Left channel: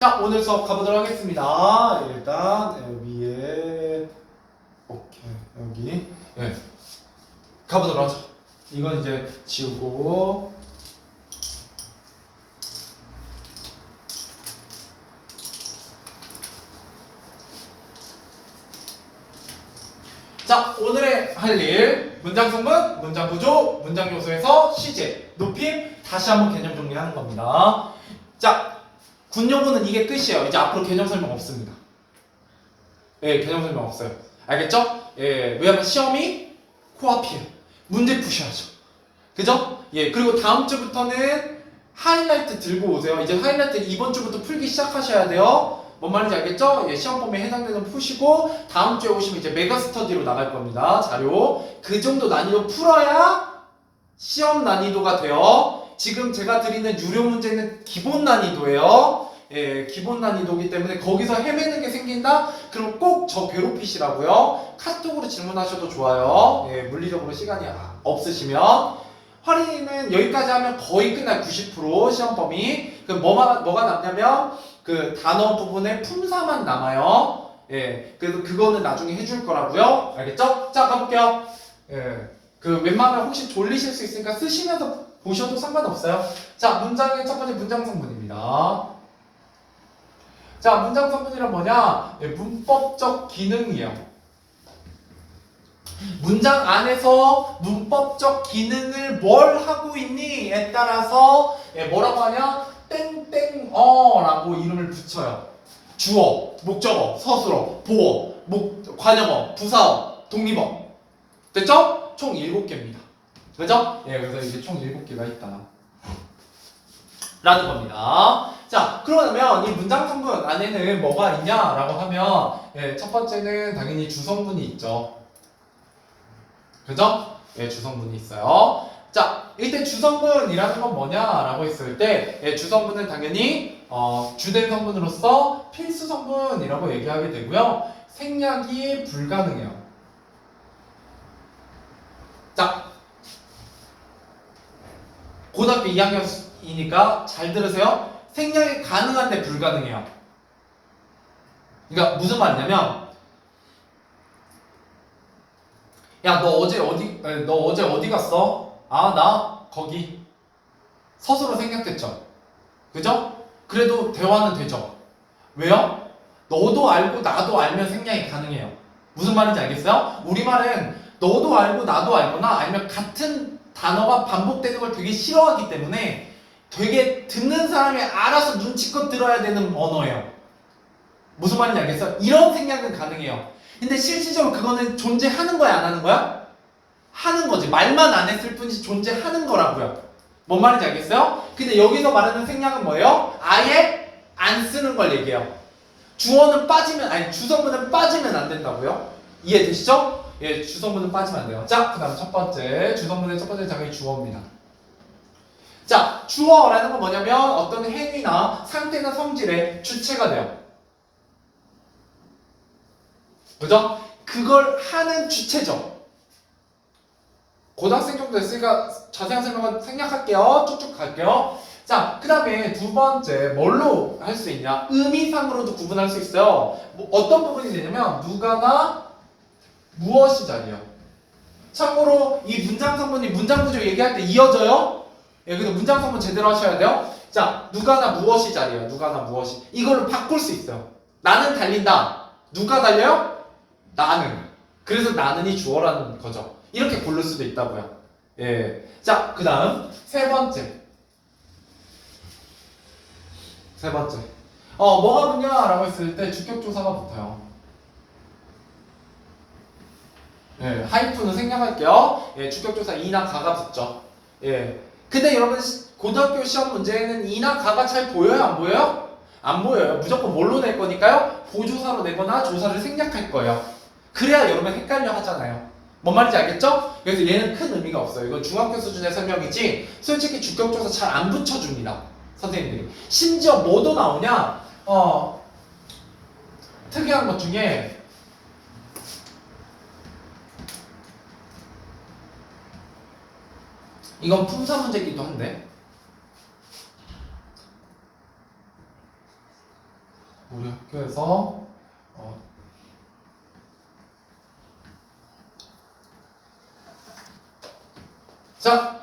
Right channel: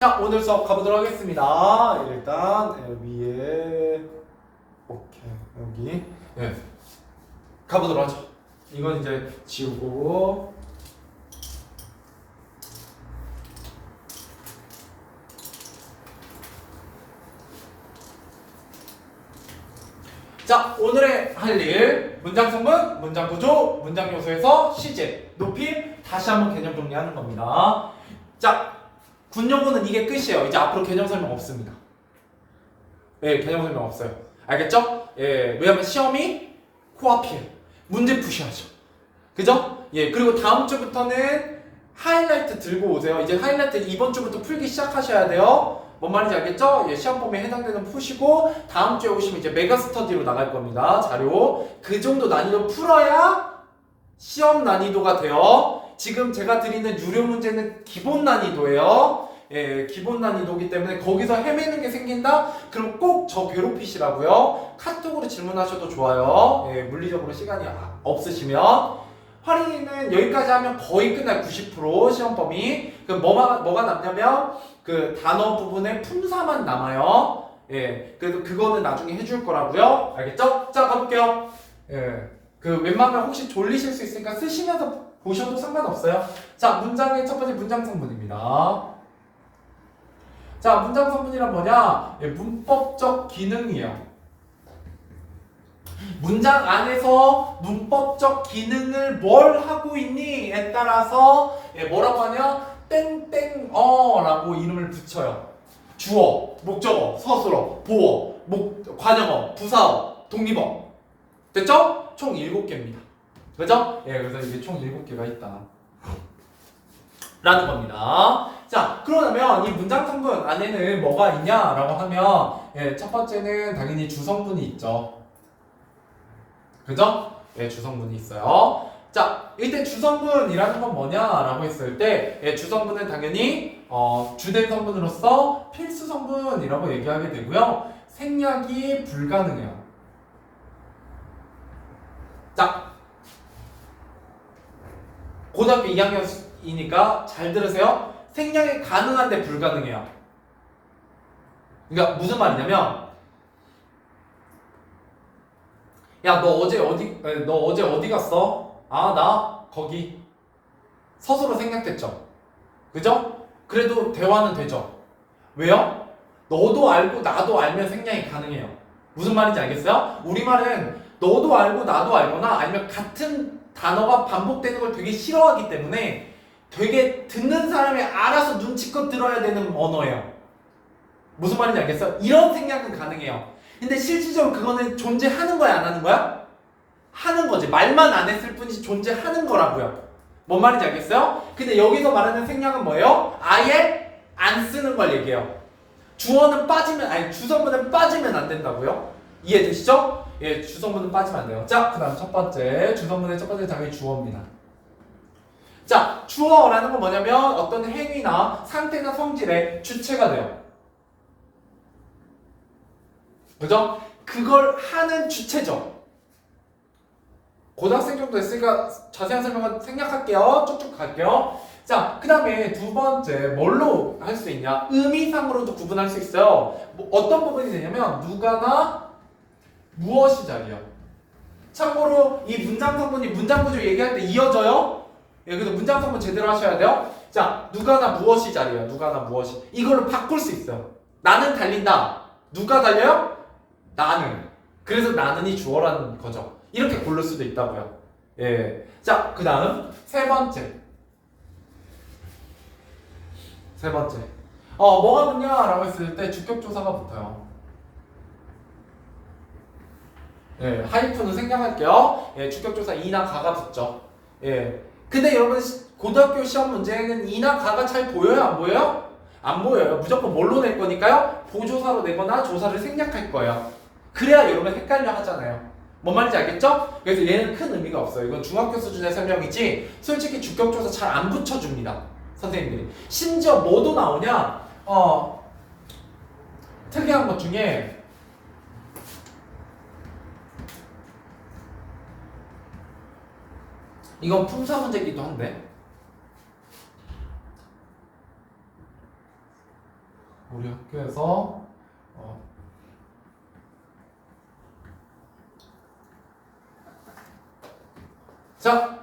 자, 오늘 수업 가보도록 하겠습니다. 일단 위에 오케이 여기 가보도록 하죠. 이건 이제 지우고 자, 오늘의 할 일 문장 성분, 문장 구조, 문장 요소에서 시제, 높임 다시 한번 개념 정리하는 겁니다. 자, 군용어는 이게 끝이에요. 이제 앞으로 개념 설명 없습니다. 예, 개념 설명 없어요. 알겠죠? 예, 왜냐면 시험이 코앞이에요. 문제 푸셔야죠. 그죠? 예, 그리고 다음 주부터는 하이라이트 들고 오세요. 이제 하이라이트 이번 주부터 풀기 시작하셔야 돼요. 뭔 말인지 알겠죠? 예, 시험 범위에 해당되는 푸시고 다음 주에 오시면 이제 메가 스터디로 나갈 겁니다. 자료. 그 정도 난이도 풀어야 시험 난이도가 돼요. 지금 제가 드리는 유료 문제는 기본 난이도예요. 예, 기본 난이도이기 때문에 거기서 헤매는 게 생긴다? 그럼 꼭 저 괴롭히시라고요. 카톡으로 질문하셔도 좋아요. 예, 물리적으로 시간이 없으시면. 할인은 여기까지 하면 거의 끝나요. 90% 시험 범위. 그럼 뭐가 남냐면 그 단어 부분에 품사만 남아요. 예, 그래서 그거는 나중에 해줄 거라고요. 알겠죠? 자, 가볼게요. 예, 그 웬만하면 혹시 졸리실 수 있으니까 쓰시면서 보셔도 상관없어요. 자, 문장의 첫 번째 문장 성분입니다. 자, 문장 성분이란 뭐냐? 예, 문법적 기능이에요. 문장 안에서 문법적 기능을 뭘 하고 있니에 따라서 예, 뭐라고 하냐? 땡땡어라고 이름을 붙여요. 주어, 목적어, 서술어, 보어, 관형어, 부사어, 독립어. 됐죠? 총 7개입니다. 그죠? 예, 그래서 이게 총 7개가 있다. 라는 겁니다. 자, 그러면 이 문장 성분 안에는 뭐가 있냐라고 하면 예, 첫 번째는 당연히 주성분이 있죠. 그죠? 예, 주성분이 있어요. 자, 일단 주성분이라는 건 뭐냐라고 했을 때 예, 주성분은 당연히 주된 성분으로서 필수 성분이라고 얘기하게 되고요. 생략이 불가능해요. 자, 고등학교 2학년이니까 잘 들으세요. 생략이 가능한데 불가능해요. 그러니까 무슨 말이냐면 야, 너 어제 어디 갔어? 아, 나 거기. 서술어 생략됐죠. 그죠? 그래도 대화는 되죠. 왜요? 너도 알고 나도 알면 생략이 가능해요. 무슨 말인지 알겠어요? 우리말은 너도 알고 나도 알거나 아니면 같은 단어가 반복되는 걸 되게 싫어하기 때문에 되게 듣는 사람이 알아서 눈치껏 들어야 되는 언어예요. 무슨 말인지 알겠어요? 이런 생략은 가능해요. 근데 실질적으로 그거는 존재하는 거야, 안 하는 거야? 하는 거지. 말만 안 했을 뿐이지 존재하는 거라고요. 뭔 말인지 알겠어요? 근데 여기서 말하는 생략은 뭐예요? 아예 안 쓰는 걸 얘기해요. 주성분은 빠지면 안 된다고요? 이해되시죠? 예, 주성분은 빠지면 안 돼요. 자, 그 다음 첫 번째. 주성분의 첫 번째 당연히 주어입니다. 자, 주어라는 건 뭐냐면 어떤 행위나 상태나 성질의 주체가 돼요. 그죠? 그걸 하는 주체죠. 고등학생 정도 됐으니까 자세한 설명은 생략할게요. 쭉쭉 갈게요. 자, 그 다음에 두 번째 뭘로 할 수 있냐? 의미상으로도 구분할 수 있어요. 어떤 부분이 되냐면 누가나 무엇이 자리요. 참고로 이 문장 성분이 문장 구조 얘기할 때 이어져요. 예, 그래서 문장 성분 제대로 하셔야 돼요. 자, 누가나 무엇이 자리요. 누가나 무엇이. 이걸로 바꿀 수 있어요. 나는 달린다. 누가 달려요? 나는. 그래서 나는이 주어라는 거죠. 이렇게 고를 수도 있다고요. 예. 자, 그 다음 세 번째. 뭐가 붙냐라고 했을 때 주격조사가 붙어요. 예, 하이픈은 생략할게요. 예, 주격조사 이나 가가 붙죠. 예. 근데 여러분 고등학교 시험 문제에는 이나 가가 잘 보여요? 안 보여요? 안 보여요. 무조건 뭘로 낼 거니까요? 보조사로 내거나 조사를 생략할 거예요. 그래야 여러분 헷갈려 하잖아요. 뭔 말인지 알겠죠? 그래서 얘는 큰 의미가 없어요. 이건 중학교 수준의 설명이지 솔직히 주격조사 잘 안 붙여줍니다. 선생님들이. 심지어 뭐도 나오냐? 특이한 것 중에 이건 품사 문제이기도 한데 우리 학교에서 자,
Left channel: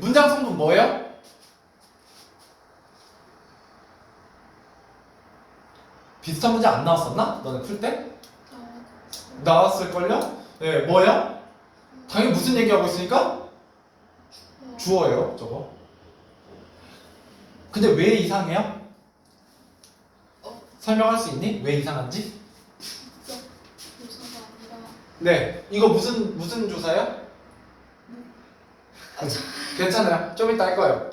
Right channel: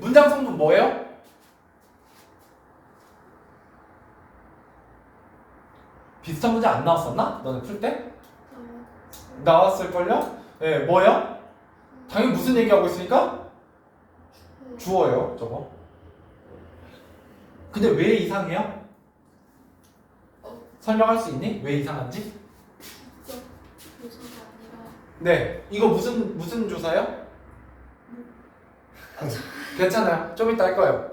문장 성분 뭐예요? 비슷한 문제 안 나왔었나? 너네 풀 때? 나왔을걸요? 예, 뭐예요? 당연히 무슨 얘기하고 있으니까? 주어예요, 저거. 근데 왜 이상해요? 설명할 수 있니? 왜 이상한지? 네, 이거 무슨 조사요? 괜찮아요. 좀 이따 할 거예요.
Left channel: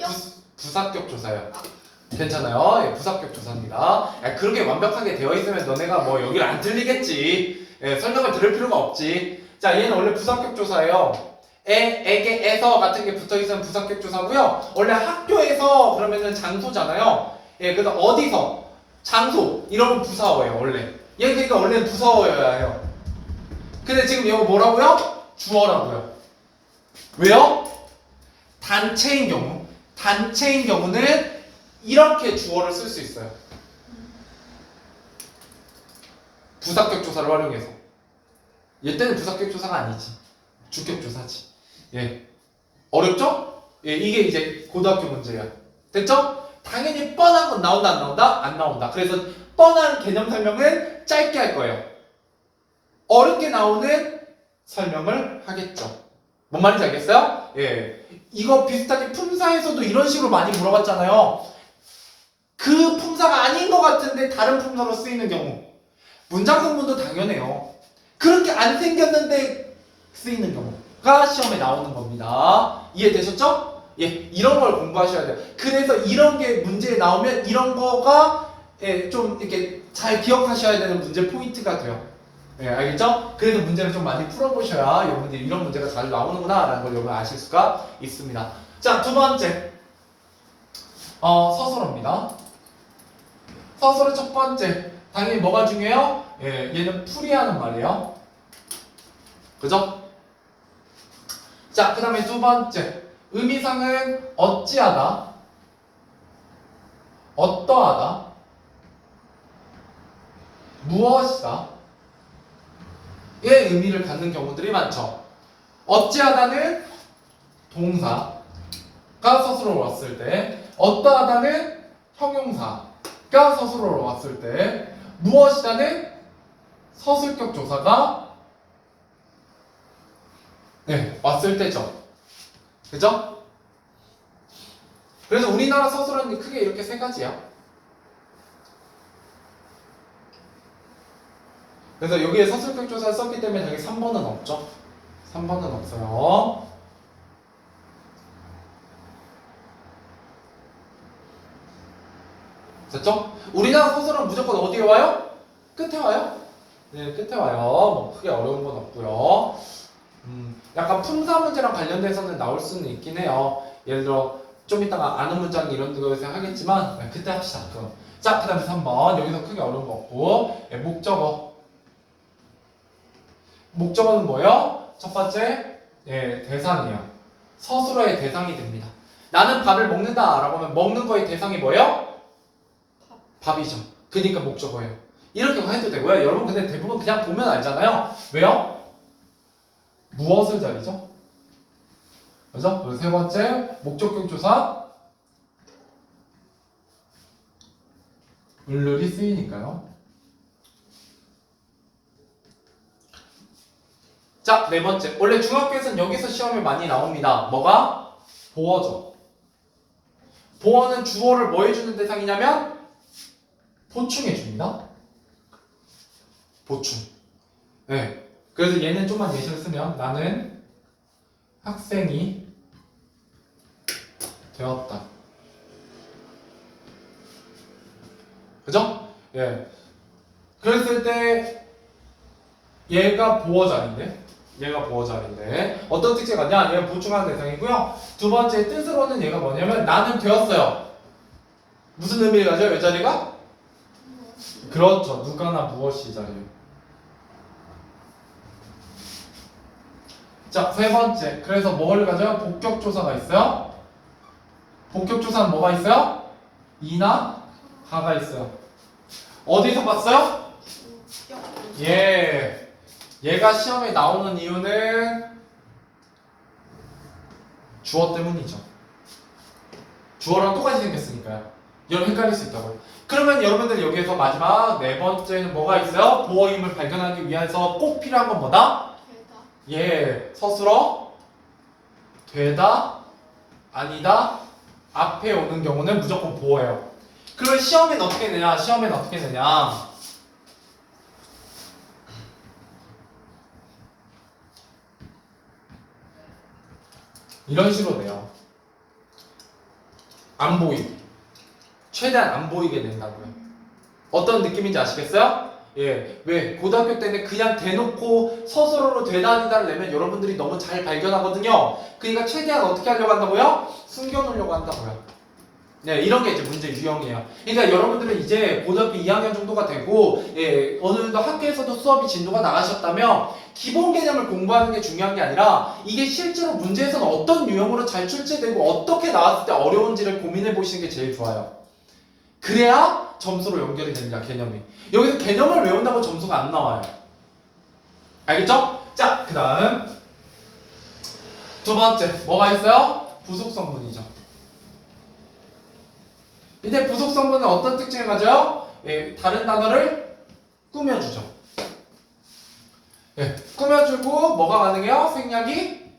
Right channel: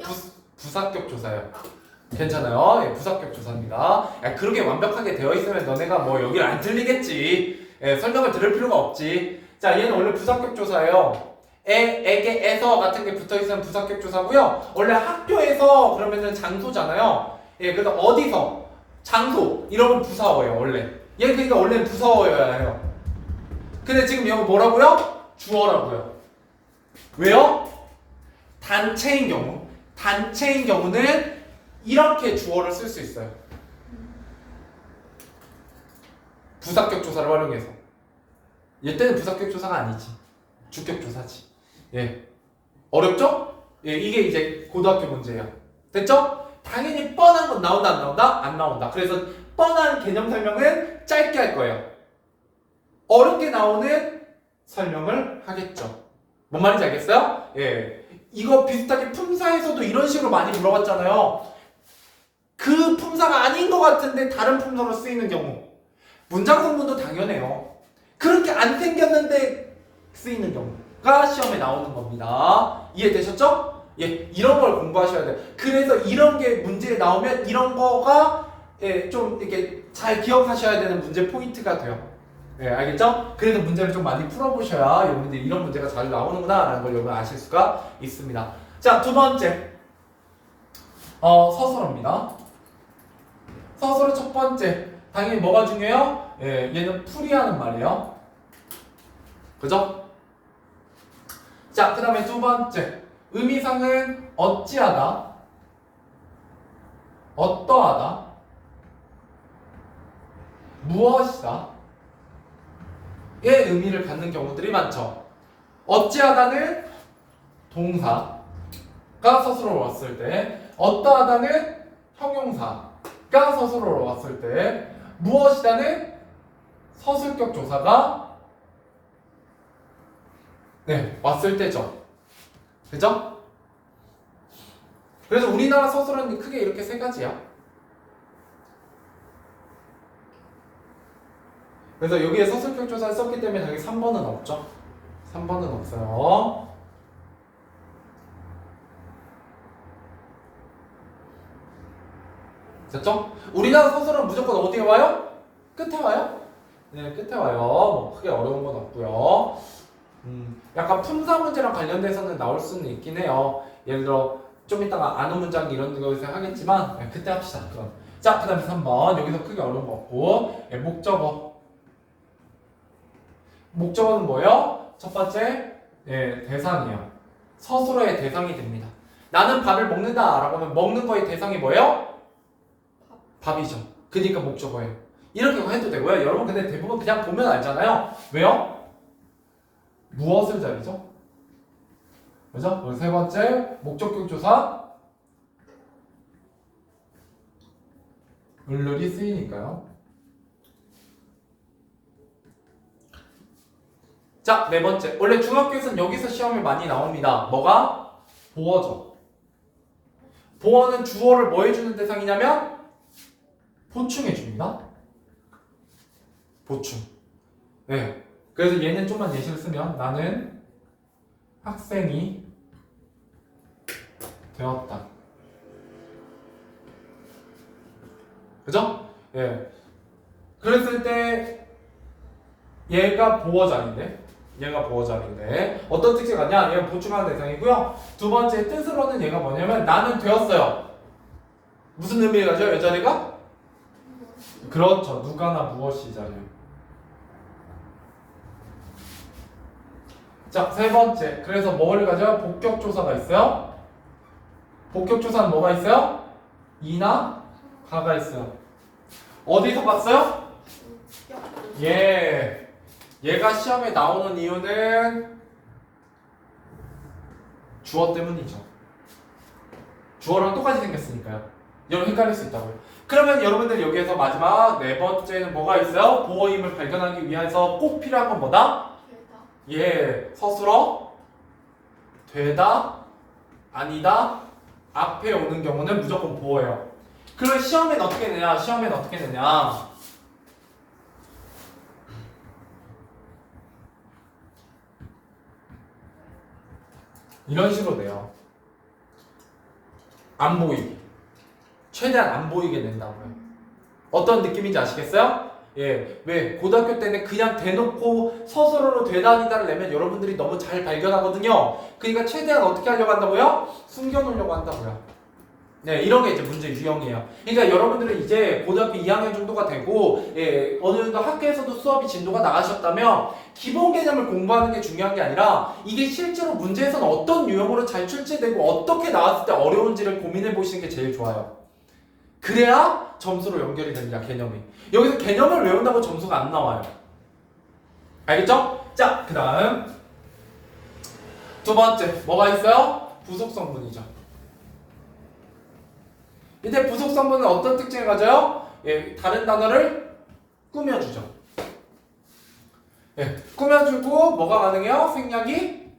부사격 조사요. 괜찮아요. 예, 부사격 조사입니다. 그렇게 완벽하게 되어 있으면 너네가 뭐 여기를 안 들리겠지. 예, 설명을 들을 필요가 없지. 자, 얘는 원래 부사격 조사예요. 에게, 에서 같은 게 붙어 있으면 부사격 조사고요. 원래 학교에서 그러면은 장소잖아요. 예, 그래서 어디서 장소 이러면 부사어예요. 원래. 얘 그러니까 원래는 부사어여야 해요. 근데 지금 이거 뭐라고요? 주어라고요. 왜요? 단체인 경우. 단체인 경우는 이렇게 주어를 쓸 수 있어요. 부사격 조사를 활용해서. 얘 때는 부사격 조사가 아니지. 주격 조사지. 예. 어렵죠? 예, 이게 이제 고등학교 문제야. 됐죠? 당연히 뻔한 건 나온다, 안 나온다? 안 나온다. 그래서 뻔한 개념 설명은 짧게 할 거예요. 어렵게 나오는 설명을 하겠죠. 뭔 말인지 알겠어요? 예. 이거 비슷하게 품사에서도 이런 식으로 많이 물어봤잖아요. 그 품사가 아닌 것 같은데 다른 품사로 쓰이는 경우. 문장 성분도 당연해요. 그렇게 안 생겼는데 쓰이는 경우가 시험에 나오는 겁니다. 이해되셨죠? 예, 이런 걸 공부하셔야 돼요. 그래서 이런 게 문제에 나오면 이런 거가 예, 좀 이렇게 잘 기억하셔야 되는 문제 포인트가 돼요. 예, 알겠죠? 그래서 문제를 좀 많이 풀어보셔야 여러분들이 이런 문제가 잘 나오는구나 라는 걸 여러분 아실 수가 있습니다. 자, 두 번째 서술어입니다. 서술어 첫 번째 당연히 뭐가 중요해요? 예, 얘는 풀이하는 말이에요. 그죠? 자, 그 다음에 두 번째 의미상은 어찌하다, 어떠하다, 무엇이다 의 의미를 갖는 경우들이 많죠. 어찌하다는 동사가 서술어로 왔을 때, 어떠하다는 형용사가 서술어로 왔을 때, 무엇이다는 서술격 조사가 네, 왔을 때죠. 그죠? 그래서 우리나라 서술어는 크게 이렇게 세 가지야. 그래서 여기에 서술격 조사를 썼기 때문에 여기 3번은 없죠. 3번은 없어요. 됐죠? 우리나라 서술은 무조건 어디에 와요? 끝에 와요. 네, 끝에 와요. 뭐 크게 어려운 건 없고요. 약간 품사 문제랑 관련돼서는 나올 수는 있긴 해요. 예를 들어 좀 이따가 아는 문장 이런 거에서 하겠지만 네, 그때 합시다. 그럼. 자, 그 다음에 3번 여기서 크게 어려운 거 없고 네, 목적어. 목적어는 뭐예요? 첫 번째 대상이에요. 서술어의 대상이 됩니다. 나는 밥을 먹는다 라고 하면 먹는 거의 대상이 뭐예요? 밥이죠. 그러니까 목적어예요. 이렇게 해도 되고요. 여러분 근데 대부분 그냥 보면 알잖아요. 왜요? 무엇을 자리죠? 그죠? 그리고 세 번째 목적격 조사 을룰이 쓰이니까요. 자, 네 번째. 원래 중학교에서는 여기서 시험이 많이 나옵니다. 뭐가? 보어죠. 보어는 주어를 뭐 해주는 대상이냐면 보충해줍니다. 보충. 네. 그래서 얘는 좀만 예시를 쓰면 나는 학생이 되었다. 그죠? 예. 그랬을 때 얘가 보어 자리인데 어떤 특징이 같냐? 얘가 보충하는 대상이고요. 두 번째 뜻으로는 얘가 뭐냐면 나는 되었어요. 무슨 의미를 가져요? 이 자리가? 그렇죠. 누가나 무엇이 자리요. 자, 세 번째. 그래서 뭘 가져요? 복격조사가 있어요. 복격조사는 뭐가 있어요? 이나 하가 있어요. 어디서 봤어요? 예. 얘가 시험에 나오는 이유는 주어 때문이죠. 주어랑 똑같이 생겼으니까요. 여러분 헷갈릴 수 있다고요. 그러면 여러분들 여기에서 마지막 네 번째는 뭐가 있어요? 보어임을 발견하기 위해서 꼭 필요한 건 뭐다? 예, 서술어 되다, 아니다, 앞에 오는 경우는 무조건 보어예요. 그러면 시험엔 어떻게 되냐? 시험엔 어떻게 되냐? 이런 식으로 돼요. 안 보이게. 최대한 안 보이게 된다고요. 어떤 느낌인지 아시겠어요? 예, 왜? 고등학교 때는 그냥 대놓고 서술어로 되다 아니다를 내면 여러분들이 너무 잘 발견하거든요. 그러니까 최대한 어떻게 하려고 한다고요? 숨겨놓으려고 한다고요. 네, 이런 게 이제 문제 유형이에요. 그러니까 여러분들은 이제 고등학교 2학년 정도가 되고, 예, 어느 정도 학교에서도 수업이 진도가 나가셨다면 기본 개념을 공부하는 게 중요한 게 아니라 이게 실제로 문제에서는 어떤 유형으로 잘 출제되고 어떻게 나왔을 때 어려운지를 고민해 보시는 게 제일 좋아요. 그래야 점수로 연결이 됩니다, 개념이. 여기서 개념을 외운다고 점수가 안 나와요. 알겠죠? 자, 그 다음 두 번째 뭐가 있어요? 부속 성분이죠. 이때 부속 성분은 어떤 특징을 가져요? 예, 다른 단어를 꾸며주죠. 예, 꾸며주고 뭐가 가능해요? 생략이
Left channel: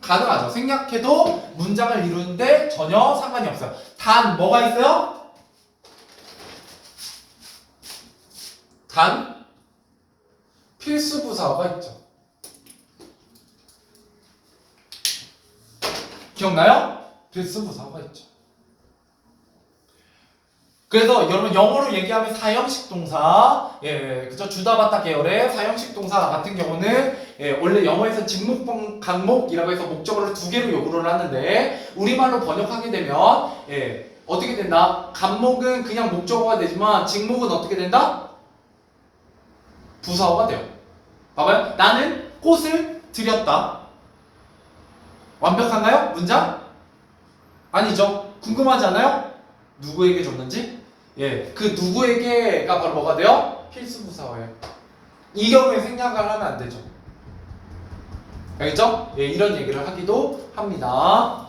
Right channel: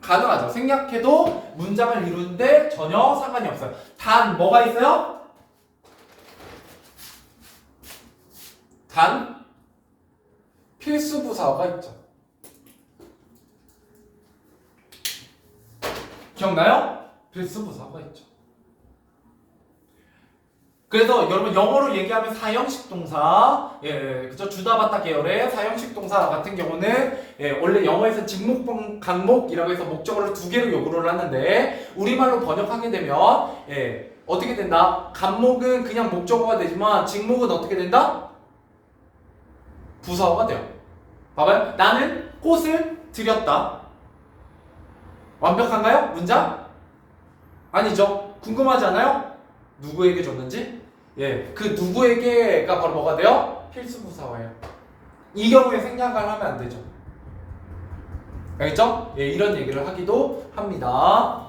가능하죠. 생략해도 문장을 이루는데 전혀 상관이 없어요. 단 뭐가 있어요? 단 필수 부사어가 있죠. 기억나요? 필수 부사어가 있죠. 그래서 여러분 영어로 얘기하면 사형식 동사, 예, 그죠? 주다받다 계열의 사형식 동사 같은 경우는 예, 원래 영어에서 직목, 강목이라고 해서 목적어를 두 개로 요구를 하는데 우리말로 번역하게 되면 예, 어떻게 된다? 간목은 그냥 목적어가 되지만 직목은 어떻게 된다? 부사어가 돼요. 봐봐요. 나는 꽃을 드렸다. 완벽한가요? 문장? 아니죠. 궁금하지 않아요? 누구에게 줬는지? 예, 그 누구에게가 바로 뭐가 돼요? 필수 부사어예요. 이 경우에 생략을 하면 안 되죠. 알겠죠? 예, 이런 얘기를 하기도 합니다.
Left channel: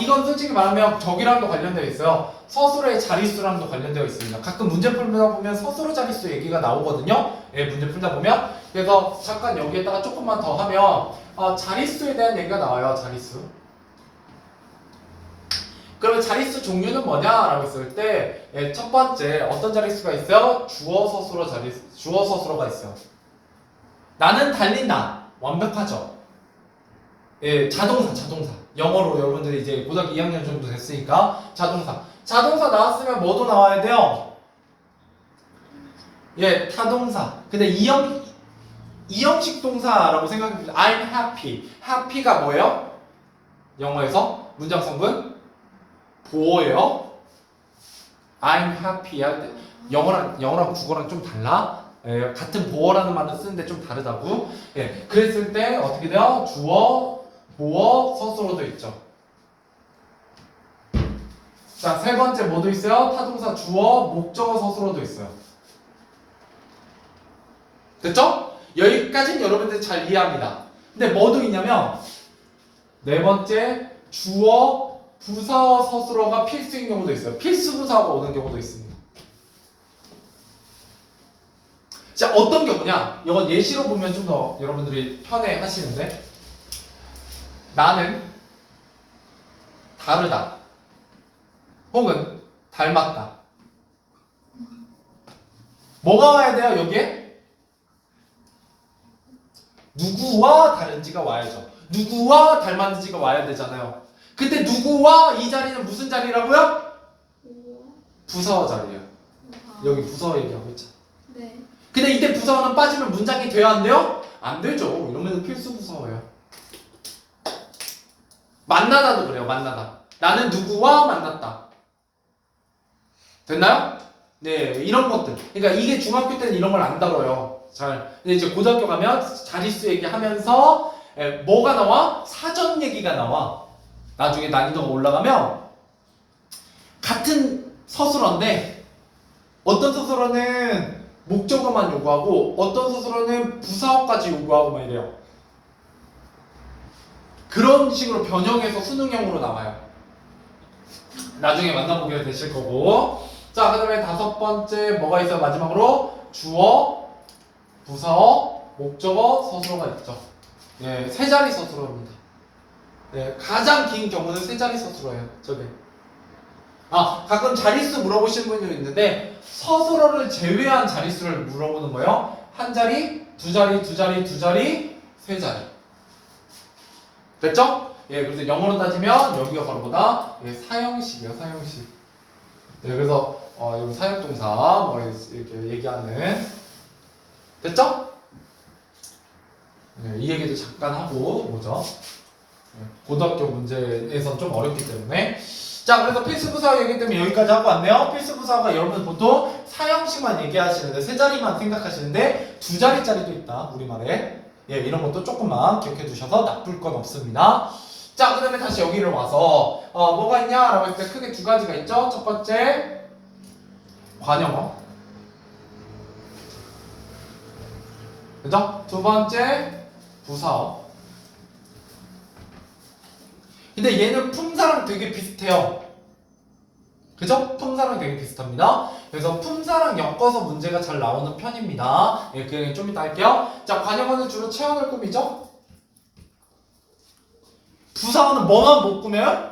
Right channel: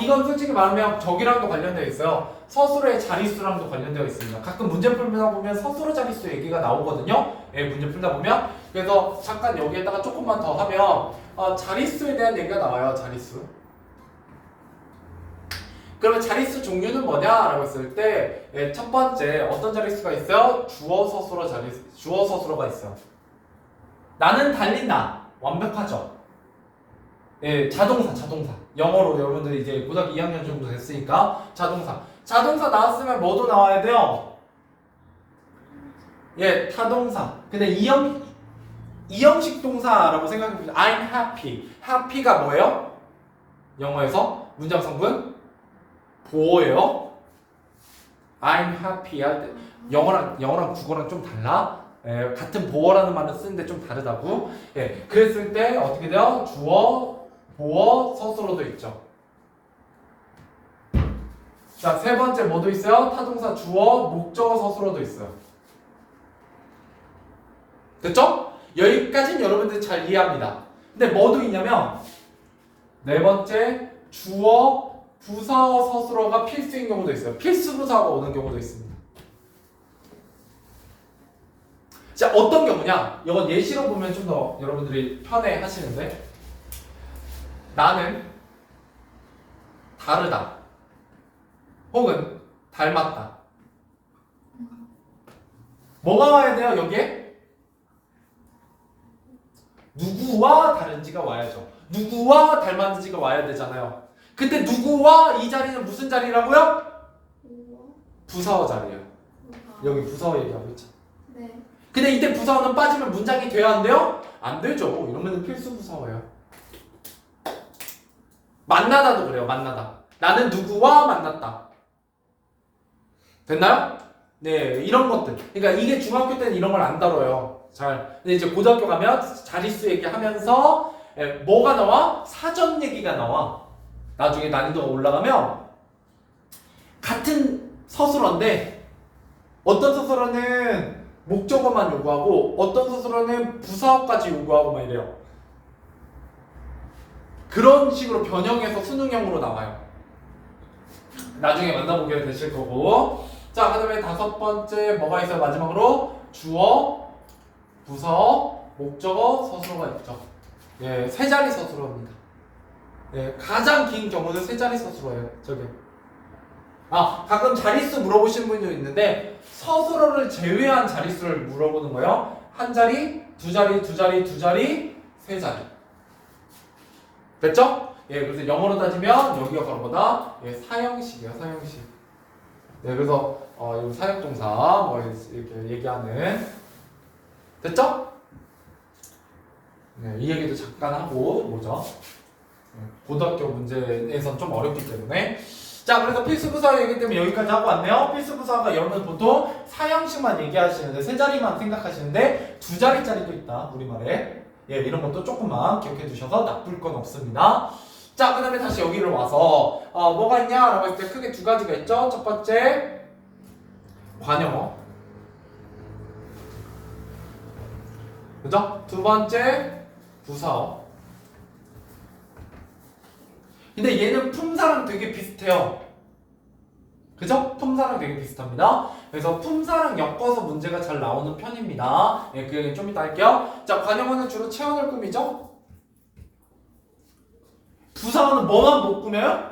이건 솔직히 말하면 저기랑도 관련되어 있어요. 서술어의 자릿수랑도 관련되어 있습니다. 가끔 문제 풀다 보면 서술어 자릿수 얘기가 나오거든요. 예, 문제 풀다 보면. 그래서 잠깐 여기에다가 조금만 더 하면 자릿수에 대한 얘기가 나와요. 자릿수. 그러면 자릿수 종류는 뭐냐라고 했을 때 첫 번째 어떤 자릿수가 있어요? 주어 서술어 자릿수, 주어 서술어가 있어요. 나는 달린다. 완벽하죠. 예, 자동사. 영어로 여러분들이 이제 고등학교 2학년 정도 됐으니까 자동사. 자동사 나왔으면 뭐도 나와야 돼요? 예, 타동사. 근데 이형식 동사라고 생각해보세요. I'm happy. happy가 뭐예요? 영어에서 문장 성분 보어예요. I'm happy 할 때 영어랑 국어랑 좀 달라. 예, 같은 보어라는 말을 쓰는데 좀 다르다고. 예, 그랬을 때 어떻게 돼요? 주어, 보어, 서술어도 있죠. 자, 세 번째 뭐도 있어요? 타동사 주어, 목적어, 서술어도 있어요. 됐죠? 여기까지는 여러분들이 잘 이해합니다. 근데 뭐도 있냐면 네 번째 주어, 부사어, 서술어가 필수인 경우도 있어요. 필수 부사어가 오는 경우도 있습니다. 자, 어떤 경우냐? 이건 예시로 보면 좀 더 여러분들이 편해 하시는데 나는 다르다 혹은 닮았다. 뭐가 와야 돼요? 여기에? 누구와 다른지가 와야죠. 누구와 닮았는지가 와야 되잖아요. 근데 누구와 이 자리는 무슨 자리라고요? 부사어 자리예요. 여기 부사어 얘기하고 있죠. 네. 근데 이때 부사어는 빠지면 문장이 돼야 안 돼요? 안 되죠. 이러면 필수 부사어예요. 만나다도 그래요. 만나다. 나는 누구와 만났다. 됐나요? 네, 이런 것들. 그러니까 이게 중학교 때는 이런 걸 안 다뤄요. 잘. 근데 이제 고등학교 가면 자릿수 얘기하면서 뭐가 나와? 사전 얘기가 나와. 나중에 난이도가 올라가면 같은 서술어인데 어떤 서술어는 목적어만 요구하고 어떤 서술어는 부사어까지 요구하고 막 이래요. 그런 식으로 변형해서 수능형으로 나와요. 나중에 만나보게 되실 거고. 자, 그 다음에 5번째 뭐가 있어요? 마지막으로 주어, 부사어, 목적어, 서술어가 있죠. 예, 세 자리 서술어입니다. 예, 가장 긴 경우는 세 자리 서술어예요. 저게. 가끔 자릿수 물어보시는 분도 있는데 서술어를 제외한 자릿수를 물어보는 거예요. 한 자리, 두 자리, 두 자리, 두 자리, 세 자리. 됐죠? 예, 그래서 영어로 따지면 여기가 바로 뭐다? 예, 사형식이에요, 사형식. 예, 그래서 여기 사역동사 뭐 이렇게 얘기하는. 됐죠? 예, 이 얘기도 잠깐 하고 뭐죠? 예, 고등학교 문제에선 좀 어렵기 때문에. 자, 그래서 필수부사 얘기 때문에 여기까지 하고 왔네요. 필수부사가 여러분 보통 사형식만 얘기하시는데 세 자리만 생각하시는데 두 자리짜리도 있다, 우리말에. 예, 이런 것도 조금만 기억해 두셔서 나쁠 건 없습니다. 자, 그 다음에 다시 여기를 와서 뭐가 있냐라고 했을 때 크게 두 가지가 있죠. 첫 번째 관용어, 그죠? 두 번째 부사어. 근데 얘는 품사랑 되게 비슷해요. 그죠? 품사랑 되게 비슷합니다. 그래서 품사랑 엮어서 문제가 잘 나오는 편입니다. 예, 그 얘기 좀 이따 할게요. 자, 관용어는 주로 체온을 꾸미죠? 부사어는 뭐만 못 꾸며요?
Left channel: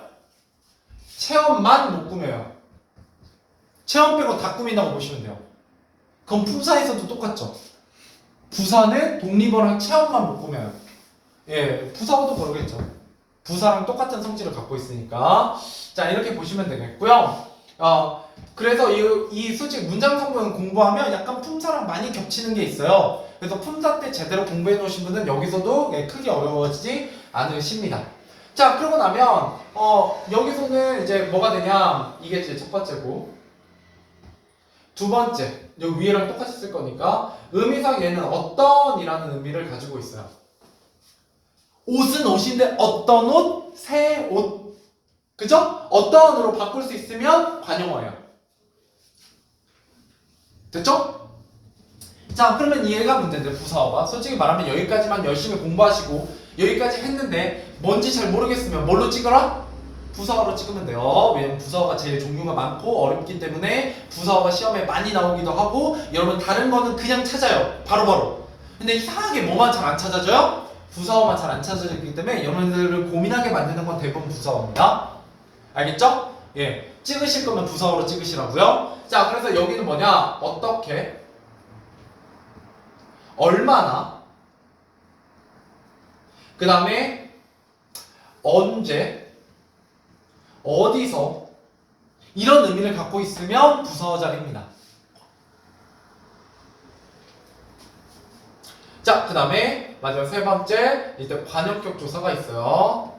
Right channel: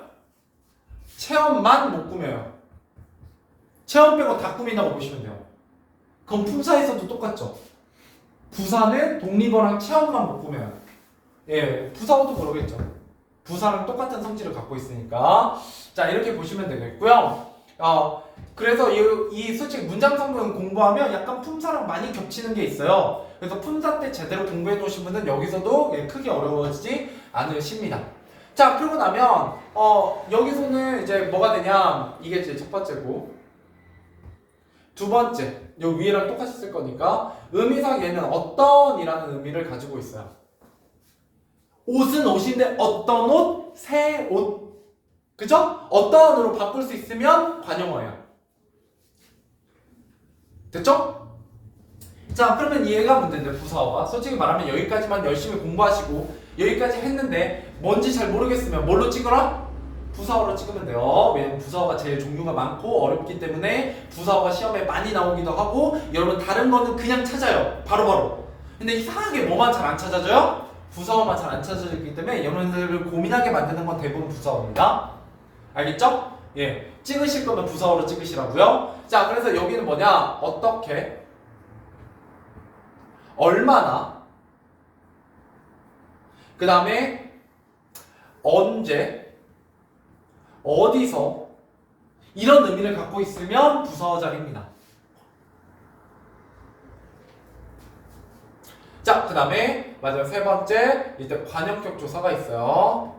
체온만 못 꾸며요. 체온 빼고 다 꾸민다고 보시면 돼요. 그럼 품사에서도 똑같죠? 부사는 독립어랑 체온만 못 꾸며요. 예, 부사어도 모르겠죠. 부사랑 똑같은 성질을 갖고 있으니까. 자, 이렇게 보시면 되겠고요. 그래서 이 솔직히 문장 성분을 공부하면 약간 품사랑 많이 겹치는 게 있어요. 그래서 품사 때 제대로 공부해 놓으신 분은 여기서도 크게 어려워지지 않으십니다. 자, 그러고 나면 여기서는 이제 뭐가 되냐, 이게 이제 첫 번째고, 두 번째 여기 위에랑 똑같이 쓸 거니까 의미상 얘는 어떤 이라는 의미를 가지고 있어요. 옷은 옷인데 어떤 옷? 새 옷. 그죠? 어떤으로 바꿀 수 있으면 관용어예요. 됐죠? 자, 그러면 얘가 문제인데 부사어가 솔직히 말하면 여기까지만 열심히 공부하시고 여기까지 했는데 뭔지 잘 모르겠으면 뭘로 찍어라? 부사어로 찍으면 돼요. 왜냐면 부사어가 제일 종류가 많고 어렵기 때문에 부사어가 시험에 많이 나오기도 하고, 여러분 다른 거는 그냥 찾아요. 바로바로. 근데 이상하게 뭐만 잘 안 찾아져요? 부사어만 잘 안 찾아지기 때문에 여러분들을 고민하게 만드는 건 대부분 부사어입니다. 알겠죠? 예, 찍으실 거면 부사어로 찍으시라고요. 자, 그래서 여기는 뭐냐? 어떻게, 얼마나, 그 다음에 언제, 어디서, 이런 의미를 갖고 있으면 부사어 자리입니다. 자, 그 다음에 마지막 세 번째, 이제 관역격 조사가 있어요.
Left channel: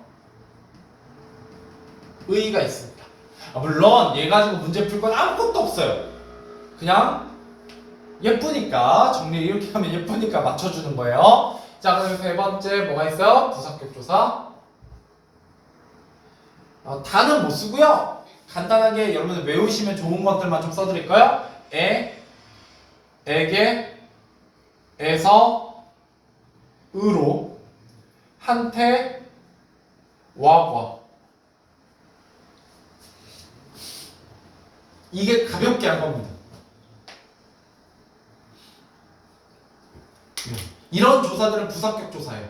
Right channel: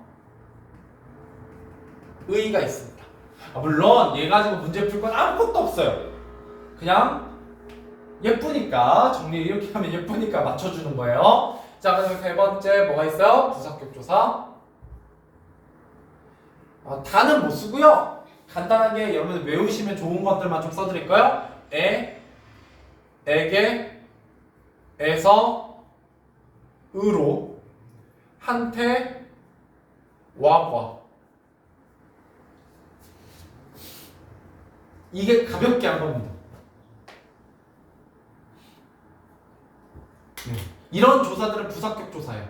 의의가 있습니다. 물론 얘 가지고 문제 풀 건 아무것도 없어요. 그냥 예쁘니까, 정리 이렇게 하면 예쁘니까 맞춰주는 거예요. 자, 그 다음에 세 번째 뭐가 있어요? 부사격 조사. 다는 못 쓰고요. 간단하게 여러분 외우시면 좋은 것들만 좀 써드릴까요? 에게, 에서, 으로, 한테, 와과. 이게 가볍게 한 겁니다. 이런 조사들은 부사격 조사예요.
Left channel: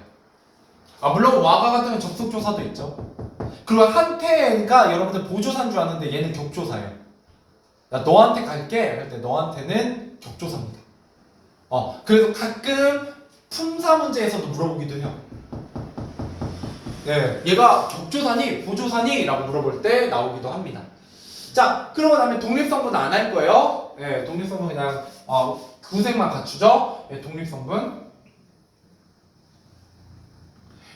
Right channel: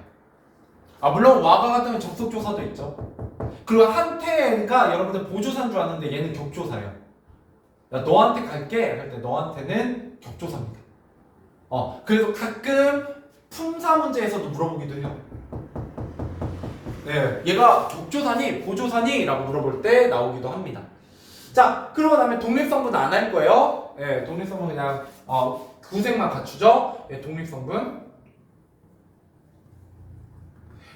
물론 와가 같으면 접속 조사도 있죠. 그리고 한테가 여러분들 보조사인 줄 아는데 얘는 격조사예요. 나 너한테 갈게 할 때 너한테는 격조사입니다. 그래서 가끔 품사 문제에서도 물어보기도 해요. 네, 얘가 격조사니 보조사니? 라고 물어볼 때 나오기도 합니다. 자, 그러고 나면 독립성분 안 할 거예요. 네, 독립성분 그냥 구색만 갖추죠. 네, 독립성분.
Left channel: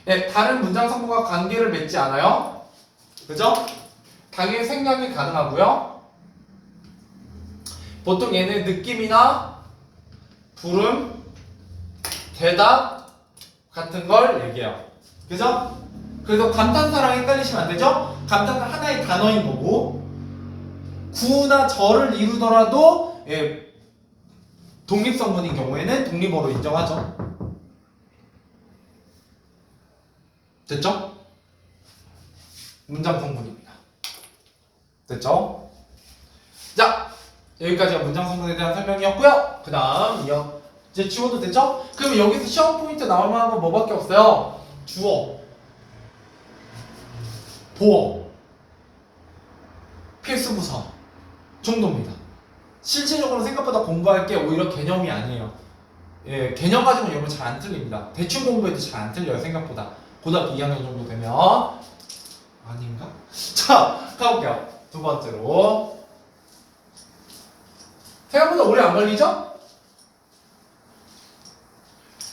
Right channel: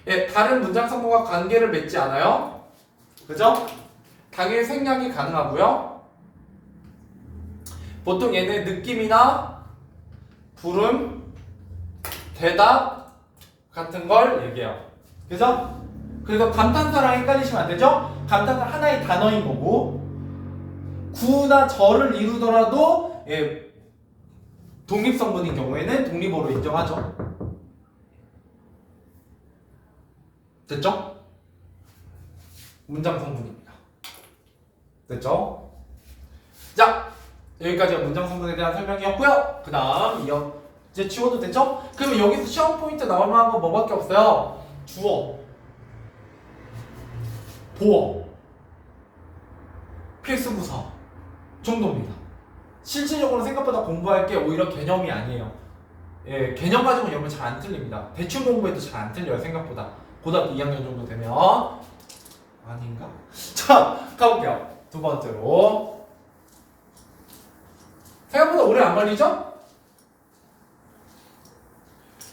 네, 다른 문장 성분과 관계를 맺지 않아요. 그죠? 당일 생략이 가능하고요. 보통 얘는 느낌이나 부름, 대답 같은 걸 얘기해요. 그죠? 그래서 감탄사랑 헷갈리시면 안 되죠? 감탄사 하나의 단어인 거고, 구나 절을 이루더라도 예, 독립성분인 경우에는 독립어로 인정하죠. 됐죠? 문장 성분입니다. 됐죠? 자, 여기까지가 문장 성분에 대한 설명이었고요. 그 다음 이제 지워도 됐죠? 그럼 여기서 시험 포인트 나올 만한 건 뭐밖에 없어요? 주어, 보어, 필수부사 정도입니다. 실질적으로 생각보다 공부할 게 오히려 개념이 아니에요. 예, 개념 가지고 여러분 잘 안 틀립니다. 대충 공부해도 잘 안 틀려요, 생각보다. 고등학교 2학년 정도 되면. 아닌가? 자, 가볼게요. 두 번째로. 생각보다 오래 안 걸리죠?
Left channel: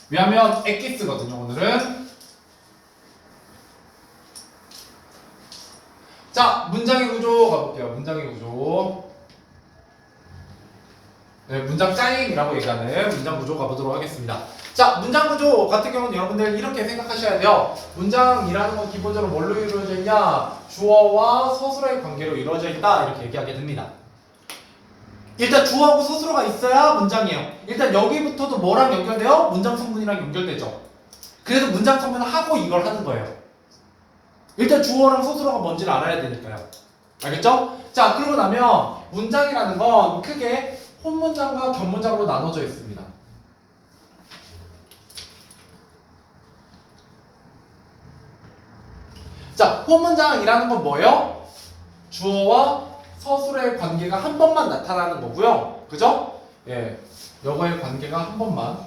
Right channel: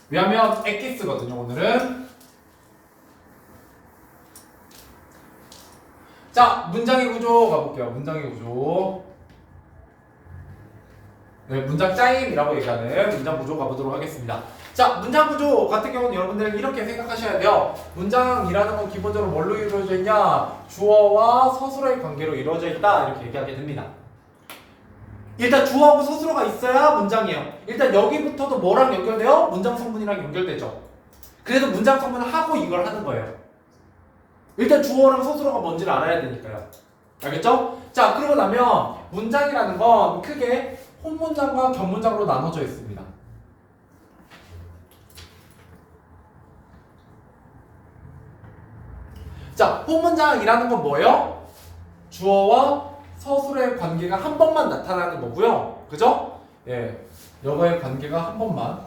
왜냐면 엑기스거든요, 오늘은. 자, 문장의 구조 가볼게요. 문장의 구조. 네, 문장 짜임이라고 얘기하는 문장 구조 가보도록 하겠습니다. 자, 문장 구조 같은 경우는 여러분들 이렇게 생각하셔야 돼요. 문장이라는 건 기본적으로 뭘로 이루어져 있냐? 주어와 서술어의 관계로 이루어져 있다. 이렇게 얘기하게 됩니다. 일단 주어하고 서술어가 있어야 문장이에요. 일단 여기부터도 뭐랑 연결돼요? 문장 성분이랑 연결되죠. 그래서 문장 성분을 하고 이걸 하는 거예요. 일단 주어랑 서술어가 뭔지를 알아야 되니까요. 알겠죠? 자, 그러고 나면 문장이라는 건 크게 혼문장과 격문장으로 나눠져 있습니다. 자, 혼문장이라는 건 뭐예요? 주어와 서술어의 관계가 한 번만 나타나는 거고요. 그죠? 예, 여거의 관계가 한 번만.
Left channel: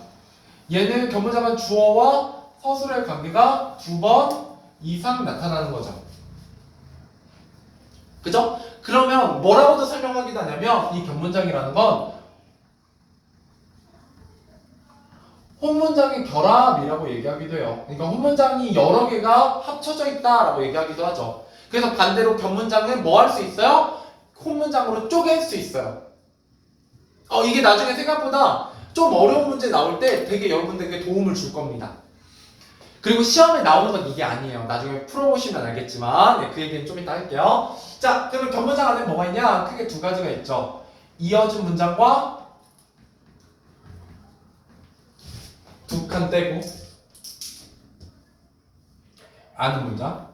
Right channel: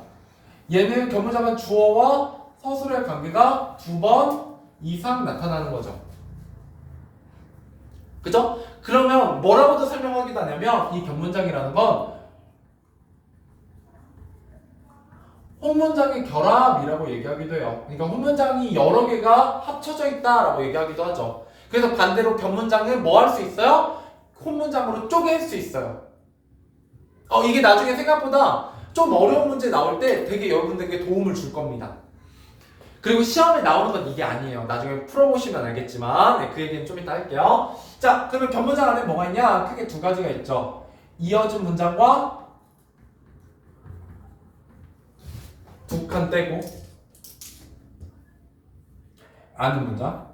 얘는 격문장은 주어와 서술어의 관계가 두 번 이상 나타나는 거죠. 그죠? 그러면 뭐라고도 설명하기도 하냐면 이 격문장이라는 건 혼문장의 결합이라고 얘기하기도 해요. 그러니까 혼문장이 여러 개가 합쳐져 있다라고 얘기하기도 하죠. 그래서 반대로 격문장은 뭐 할 수 있어요? 혼문장으로 쪼갤 수 있어요. 이게 나중에 생각보다 좀 어려운 문제 나올 때 되게 여러분들에게 도움을 줄 겁니다. 그리고 시험에 나오는 건 이게 아니에요. 나중에 풀어보시면 알겠지만 네, 그 얘기는 좀 이따 할게요. 자, 그러면 격문장 안에 뭐가 있냐? 크게 두 가지가 있죠. 이어진 문장과 두 칸 떼고 아는 문장.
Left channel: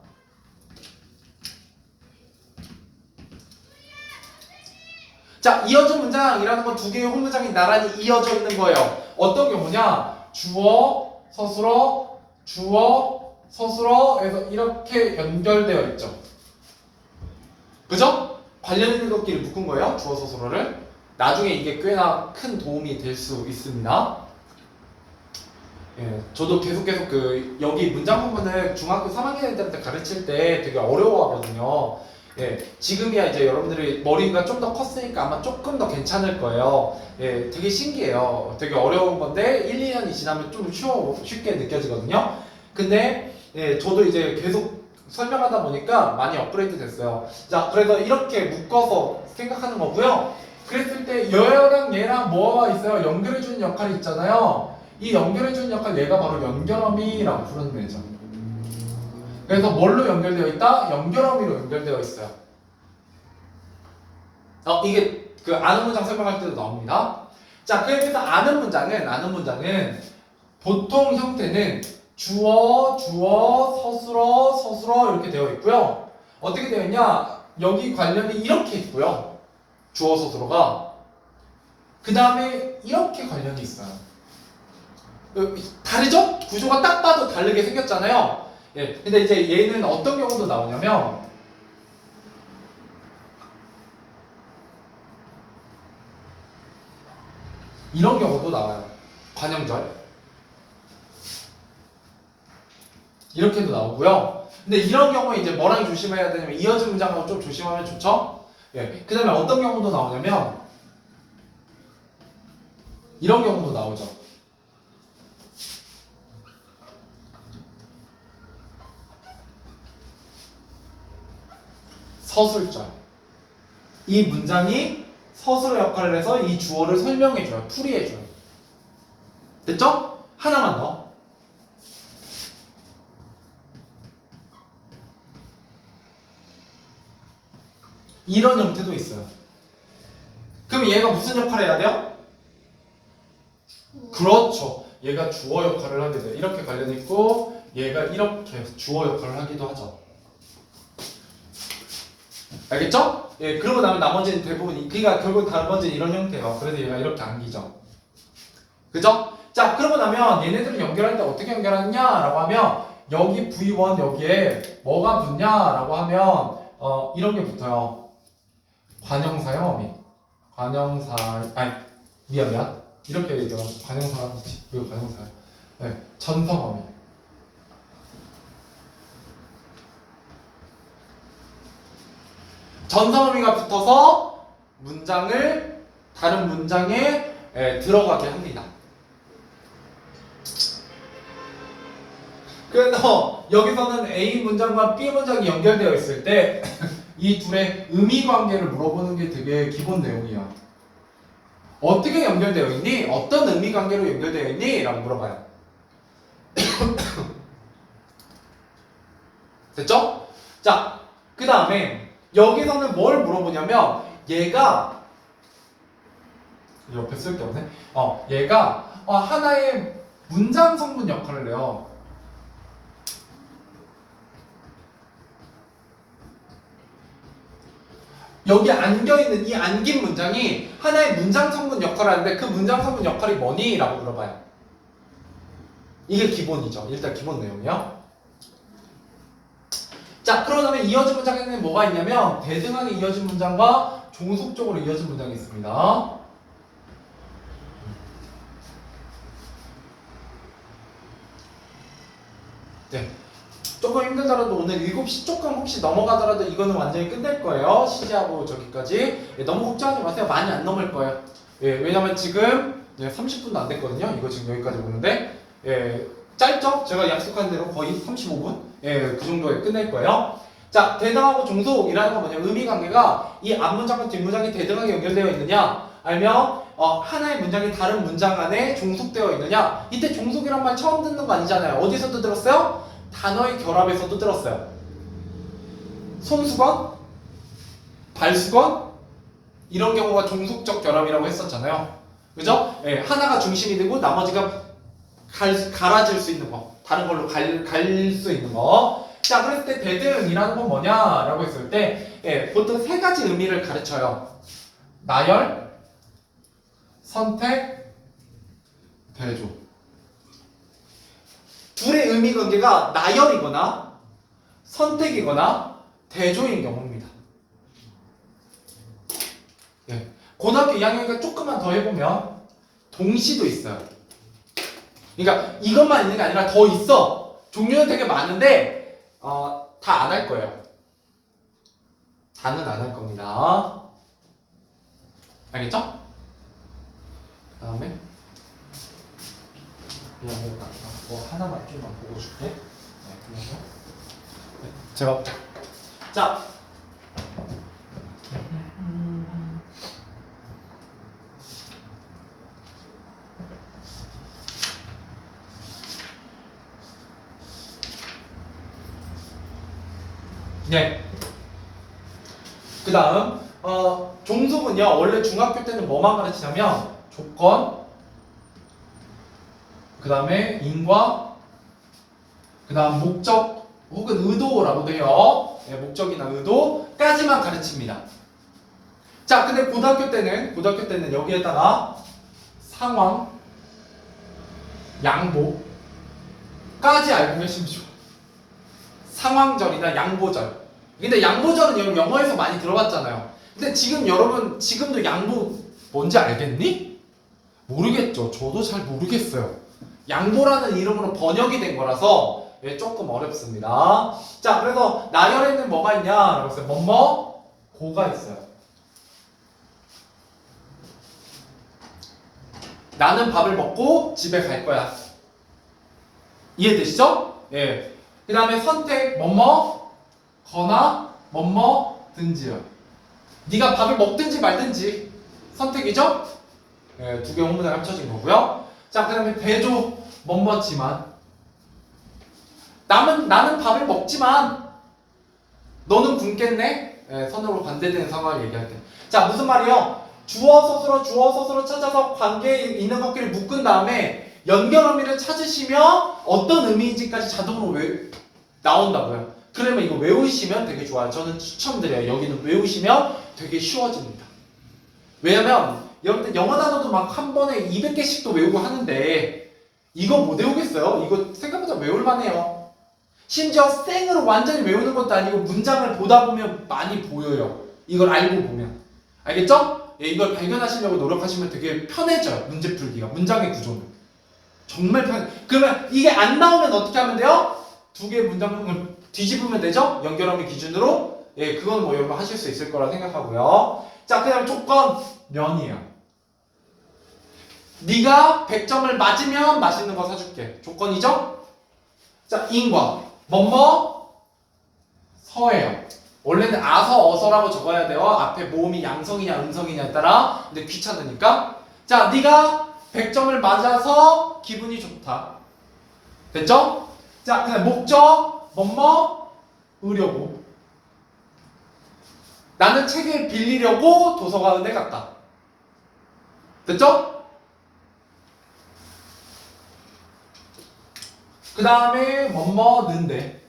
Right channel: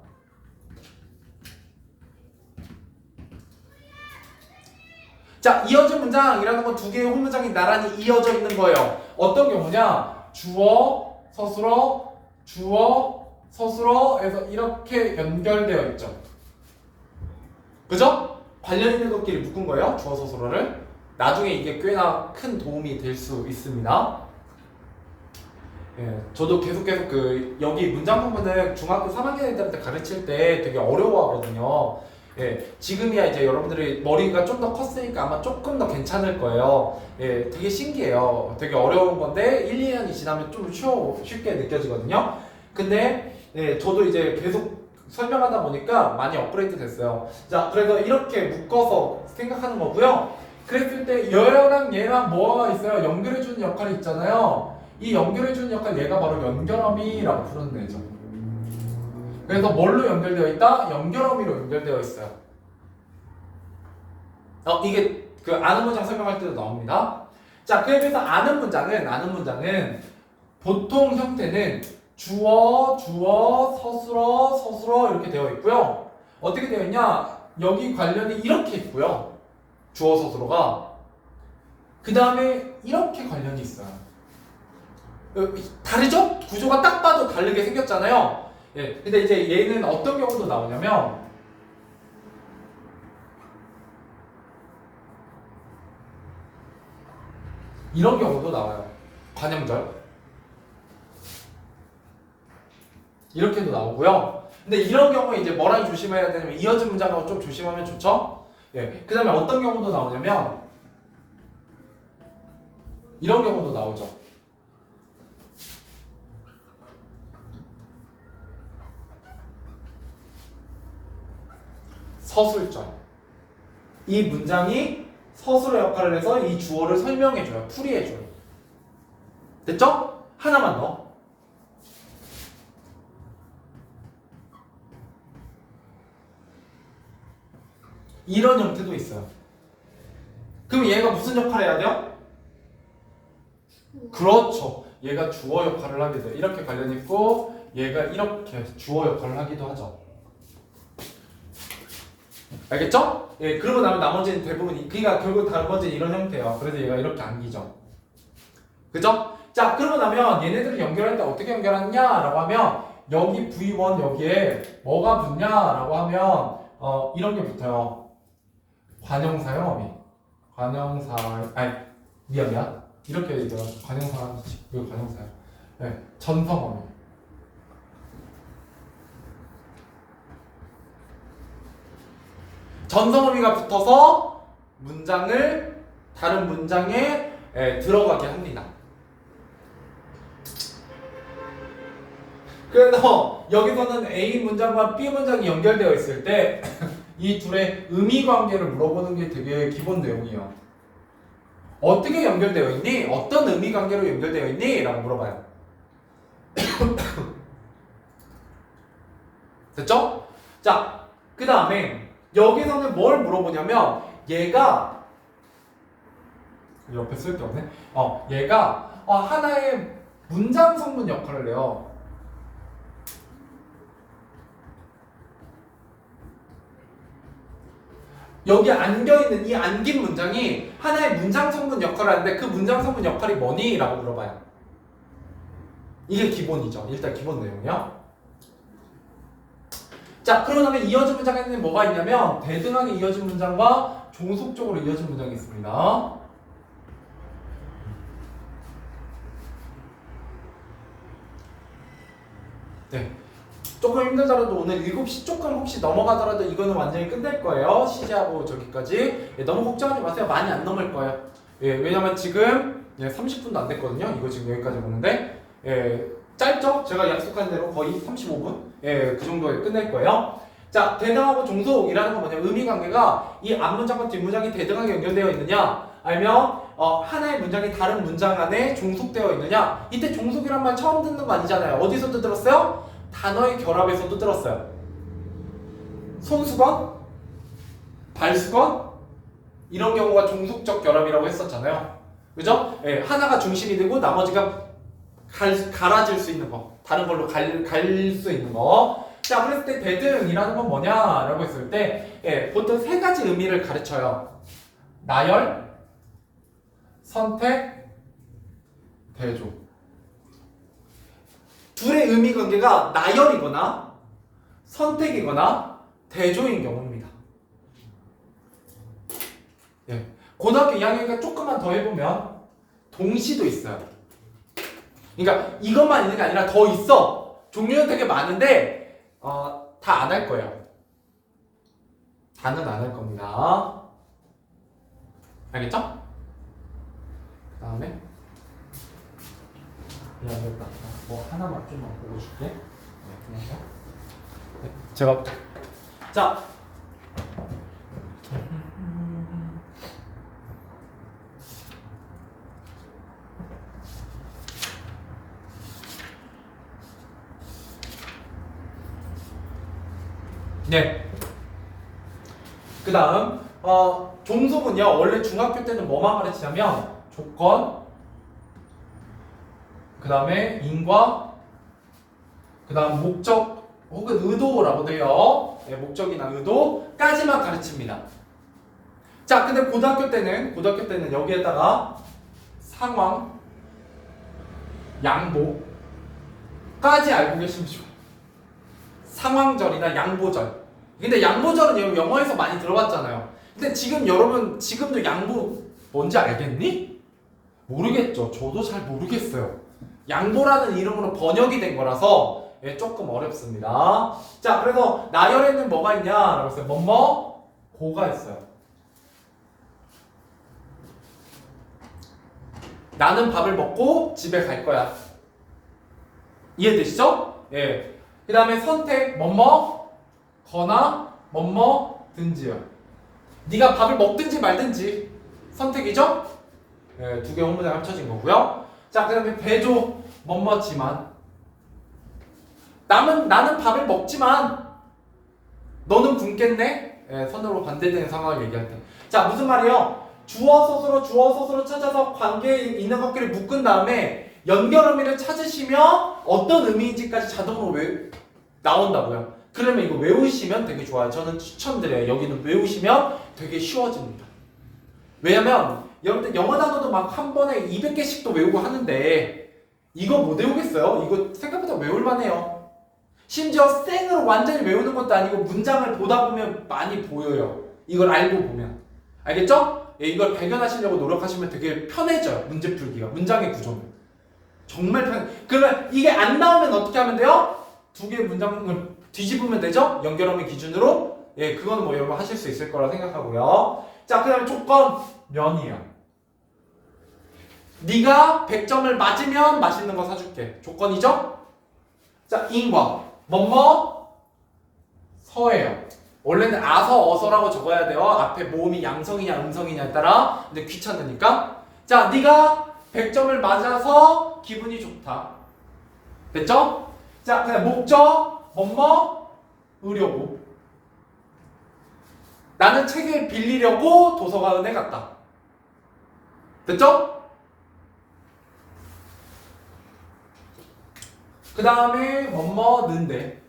자, 이어진 문장이라는 건 두 개의 혼문장이 나란히 이어져 있는 거예요. 어떤 경우냐? 주어, 서술어, 주어, 서술어에서 이렇게 연결되어 있죠. 그죠? 관련 있는 것끼리 묶은 거예요. 주어, 서술어를. 나중에 이게 꽤나 큰 도움이 될 수 있습니다. 예, 저도 계속 여기 문장 부분을 중학교 3학년 애들한테 가르칠 때 되게 어려워하거든요. 예, 지금이야 이제 여러분들이 머리가 좀 더 컸으니까 아마 조금 더 괜찮을 거예요. 예, 되게 신기해요. 되게 어려운 건데 1, 2년이 지나면 좀 쉽게 느껴지거든요. 근데 예, 저도 이제 계속 설명하다 보니까 많이 업그레이드 됐어요. 자, 그래서 이렇게 묶어서 생각하는 거고요. 그랬을 때 얘랑 얘랑 뭐가 있어요? 연결해주는 역할이 있잖아요. 이 연결해주는 역할 얘가 바로 연결어미라고 부르는 애죠. 그래서 뭘로 연결되어 있다? 연결어미로 연결되어 있어요. 이게 그 아는 문장 설명할 때도 나옵니다. 자, 그래서 아는 문장은 보통 형태는 주어, 서술어 이렇게 되어 있고요. 어떻게 되어 있냐? 여기 관련이 이렇게 있고요. 주어, 서술어가. 그 다음에 이렇게 관련이 있어요. 다르죠? 구조가 딱 봐도 다르게 생겼잖아요. 예, 근데 이제 얘는 어떤 경우도 나오냐면 이런 경우도 나와요. 관형절 이렇게도 나오고요. 근데 이런 경우에 이제 뭐랑 조심해야 되냐면 이어진 문장하고 좀 조심하면 좋죠. 예, 그 다음에 어떤 경우도 나오냐면 이런 경우도 나오죠. 서술절. 이 문장이 서술의 역할을 해서 이 주어를 설명해줘요. 풀이해줘요. 됐죠? 하나만 더. 이런 형태도 있어요. 그럼 얘가 무슨 역할을 해야 돼요? 그렇죠. 얘가 주어 역할을 하게 돼. 이렇게 관련 있고 얘가 이렇게 주어 역할을 하기도 하죠. 알겠죠? 예, 그러고 나면 나머지는 대부분 그러니까 결국 나머지는 이런 형태예요. 그래서 얘가 이렇게 안기죠. 그죠? 자, 그러고 나면 얘네들을 연결할 때 어떻게 연결하느냐라고 하면 여기 V1 여기에 뭐가 붙냐라고 하면 이런 게 붙어요. 관형사형 어미. 관형사 아니 미안 이렇게 얘기해요. 관형사 이거 관형사야. 네, 전성 어미. 전성어미가 붙어서 문장을 다른 문장에 들어가게 합니다. 그래서 여기서는 A 문장과 B 문장이 연결되어 있을 때 이 둘의 의미 관계를 물어보는 게 되게 기본 내용이에요. 어떻게 연결되어 있니? 어떤 의미 관계로 연결되어 있니? 라고 물어봐요. 됐죠? 자, 그 다음에 여기서는 뭘 물어보냐면 얘가 옆에 쓸 게 없네. 얘가 하나의 문장 성분 역할을 해요. 여기 안겨있는 이 안긴 문장이 하나의 문장 성분 역할을 하는데 그 문장 성분 역할이 뭐니? 라고 물어봐요. 이게 기본이죠. 일단 기본 내용이요. 자, 그러면 이어진 문장에는 뭐가 있냐면 대등하게 이어진 문장과 종속적으로 이어진 문장이 있습니다. 네. 조금 힘들더라도 오늘 7시 조금 혹시 넘어가더라도 이거는 완전히 끝낼 거예요. 시제하고 저기까지. 너무 걱정하지 마세요. 많이 안 넘을 거예요. 왜냐면 지금 30분도 안 됐거든요. 이거 지금 여기까지 보는데 짧죠? 제가 약속한 대로 거의 35분? 그 정도에 끝낼 거예요. 자, 대등하고 종속이라는 건 뭐냐? 의미 관계가 이 앞문장과 뒷문장이 대등하게 연결되어 있느냐? 아니면 하나의 문장이 다른 문장 안에 종속되어 있느냐? 이때 종속이란 말 처음 듣는 거 아니잖아요. 어디서도 들었어요? 단어의 결합에서도 들었어요. 손수건, 발수건 이런 경우가 종속적 결합이라고 했었잖아요. 그죠? 하나가 중심이 되고 나머지가 갈아질 수 있는 거, 다른 걸로 갈 수 있는 거. 자, 그랬을 때 대등이라는 건 뭐냐라고 했을 때 보통 세 가지 의미를 가르쳐요. 나열, 선택, 대조. 둘의 의미 관계가 나열이거나 선택이거나 대조인 경우입니다. 고등학교 2학년이니까 조금만 더 해보면 동시도 있어요. 그러니까 이것만 있는 게 아니라 더 있어. 종류는 되게 많은데 다 안 할 거예요. 다는 안 할 겁니다. 알겠죠? 그 다음에 미안하다. 뭐 하나만 좀만 보고 줄게. 제가 자. 네. 그 다음 종속은요 원래 중학교 때는 뭐만 가르치냐면 조건, 그 다음에 인과, 그 다음 목적 혹은 의도라고 돼요. 목적이나 의도까지만 가르칩니다. 자, 근데 고등학교 때는 여기에다가 상황, 양보까지 알고 계시면 좋아요. 상황절이나 양보절. 근데 양보절은 여러분 영어에서 많이 들어봤잖아요. 근데 지금 여러분 지금도 양보 뭔지 알겠니? 모르겠죠. 저도 잘 모르겠어요. 양보라는 이름으로 번역이 된 거라서 조금 어렵습니다. 자, 그래서 나열에는 뭐가 있냐라고 했어요. 뭐뭐 고가 있어요. 나는 밥을 먹고 집에 갈 거야. 이해되시죠? 예. 그 다음에 선택 뭐뭐 거나 뭐뭐 든지요. 네가 밥을 먹든지 말든지 선택이죠? 예, 두 개 혼문에 합쳐진 거고요. 자, 그 다음에 대조 뭐뭐지만 나는 밥을 먹지만 너는 굶겠네? 예, 선으로 반대되는 상황을 얘기할 때. 자, 무슨 말이요? 주어 서술어 찾아서 관계에 있는 것끼리 묶은 다음에 연결 의미를 찾으시면 어떤 의미인지까지 자동으로 나온다고요. 그러면 이거 외우시면 되게 좋아요. 저는 추천드려요. 여기는 외우시면 되게 쉬워집니다. 왜냐면 여러분들 영어 단어도 막 한 번에 200개씩도 외우고 하는데 이거 못 외우겠어요? 이거 생각보다 외울만해요. 심지어 생으로 완전히 외우는 것도 아니고 문장을 보다 보면 많이 보여요. 이걸 알고 보면. 알겠죠? 예, 이걸 발견하시려고 노력하시면 되게 편해져요. 문제 풀기가. 문장의 구조는. 정말 그러면 이게 안 나오면 어떻게 하면 돼요? 두 개의 문장을 뒤집으면 되죠? 연결함의 기준으로. 예, 그건 뭐 여러분 하실 수 있을 거라 생각하고요. 자, 그 다음에 조건 면이에요. 네가 100점을 맞으면 맛있는 거 사줄게. 조건이죠? 자, 인과 뭐뭐 서예요. 원래는 아서 어서라고 적어야 돼요. 앞에 모음이 양성이냐 음성이냐에 따라. 근데 귀찮으니까. 자, 네가 100점을 맞아서 기분이 좋다. 됐죠? 자, 그다음 목적 뭐뭐 의료고. 나는 책을 빌리려고 도서관에 갔다. 됐죠? 그 다음에 뭐뭐는데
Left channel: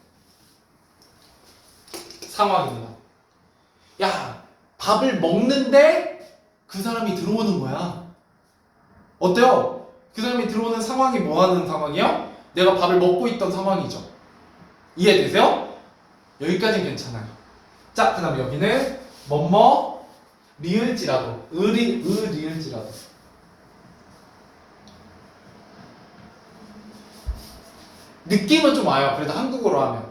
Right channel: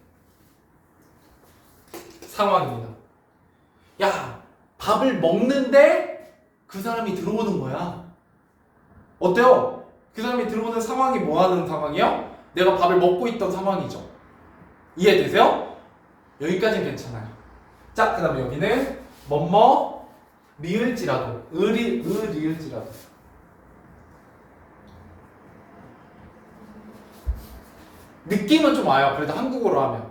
상황입니다. 야, 밥을 먹는데 그 사람이 들어오는 거야. 어때요? 그 사람이 들어오는 상황이 뭐 하는 상황이요? 내가 밥을 먹고 있던 상황이죠. 이해되세요? 여기까지는 괜찮아요. 자, 그 다음에 여기는 뭐뭐 리을지라도 리을지라도 느낌은 좀 와요. 그래도 한국어로 하면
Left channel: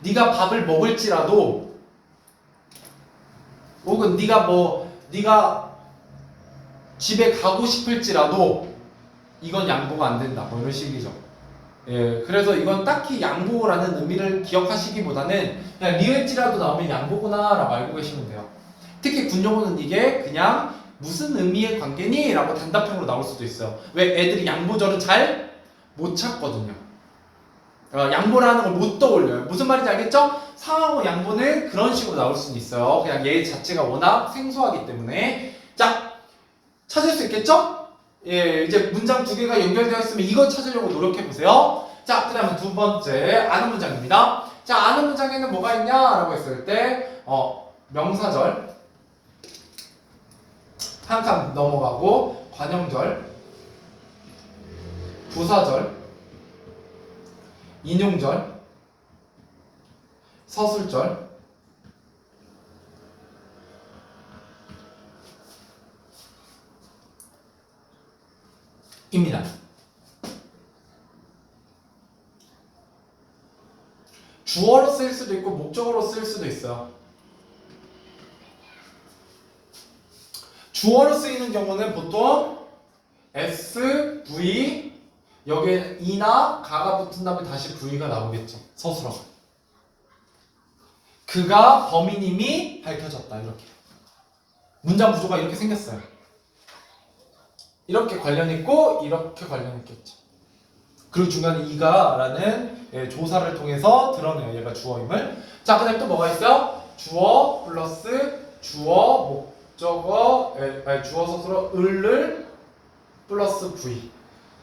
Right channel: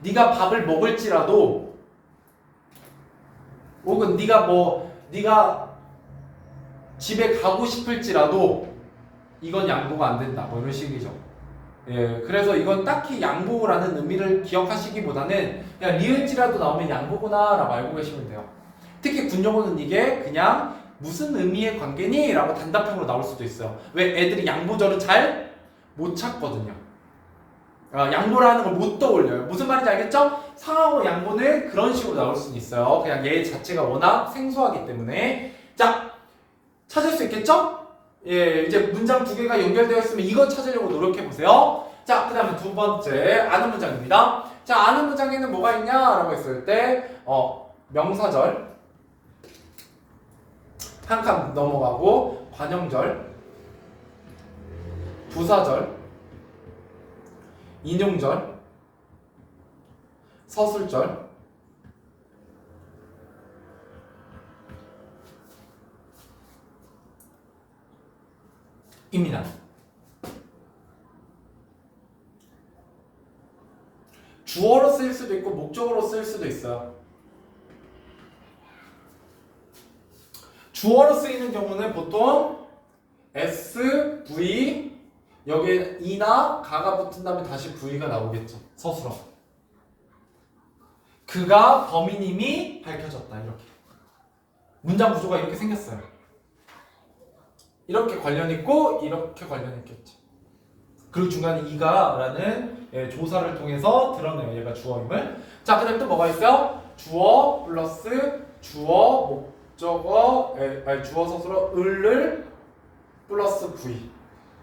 네가 밥을 먹을지라도 혹은 네가 집에 가고 싶을지라도 이건 양보가 안 된다. 뭐 이런 식이죠. 예, 그래서 이건 딱히 양보라는 의미를 기억하시기보다는 그냥 리을지라도 나오면 양보구나 라고 알고 계시면 돼요. 특히 군용어는 이게 그냥 무슨 의미의 관계니? 라고 단답형으로 나올 수도 있어요. 왜? 애들이 양보절은 잘 못 찾거든요. 양보라는 걸 못 떠올려요. 무슨 말인지 알겠죠? 상하고 양보는 그런 식으로 나올 수는 있어요. 그냥 얘 자체가 워낙 생소하기 때문에. 자, 찾을 수 있겠죠? 예, 이제 문장 두 개가 연결되어 있으면 이거 찾으려고 노력해 보세요. 자, 그 다음에 두 번째 아는 문장입니다. 자, 아는 문장에는 뭐가 있냐라고 했을 때 명사절 한 칸 넘어가고 관형절, 부사절, 인용절, 서술절, 입니다. 주어로 쓰일 수도 있고 목적어로 쓰일 수도 있어요. 주어로 쓰이는 경우는 보통 S, V 여기에 이나 가가 붙은 다음에 다시 V가 나오겠죠. 서술어. 그가 범인임이 밝혀졌다. 이렇게. 문장 구조가 이렇게 생겼어요. 이렇게 관련 있고 이렇게 관련 있겠죠. 그리고 중간에 이가라는 조사를 통해서 드러내요. 얘가 주어임을. 자, 그다음에 또 뭐가 있어요? 주어 플러스 주어 목적어 주어 서술어 을을 플러스 V.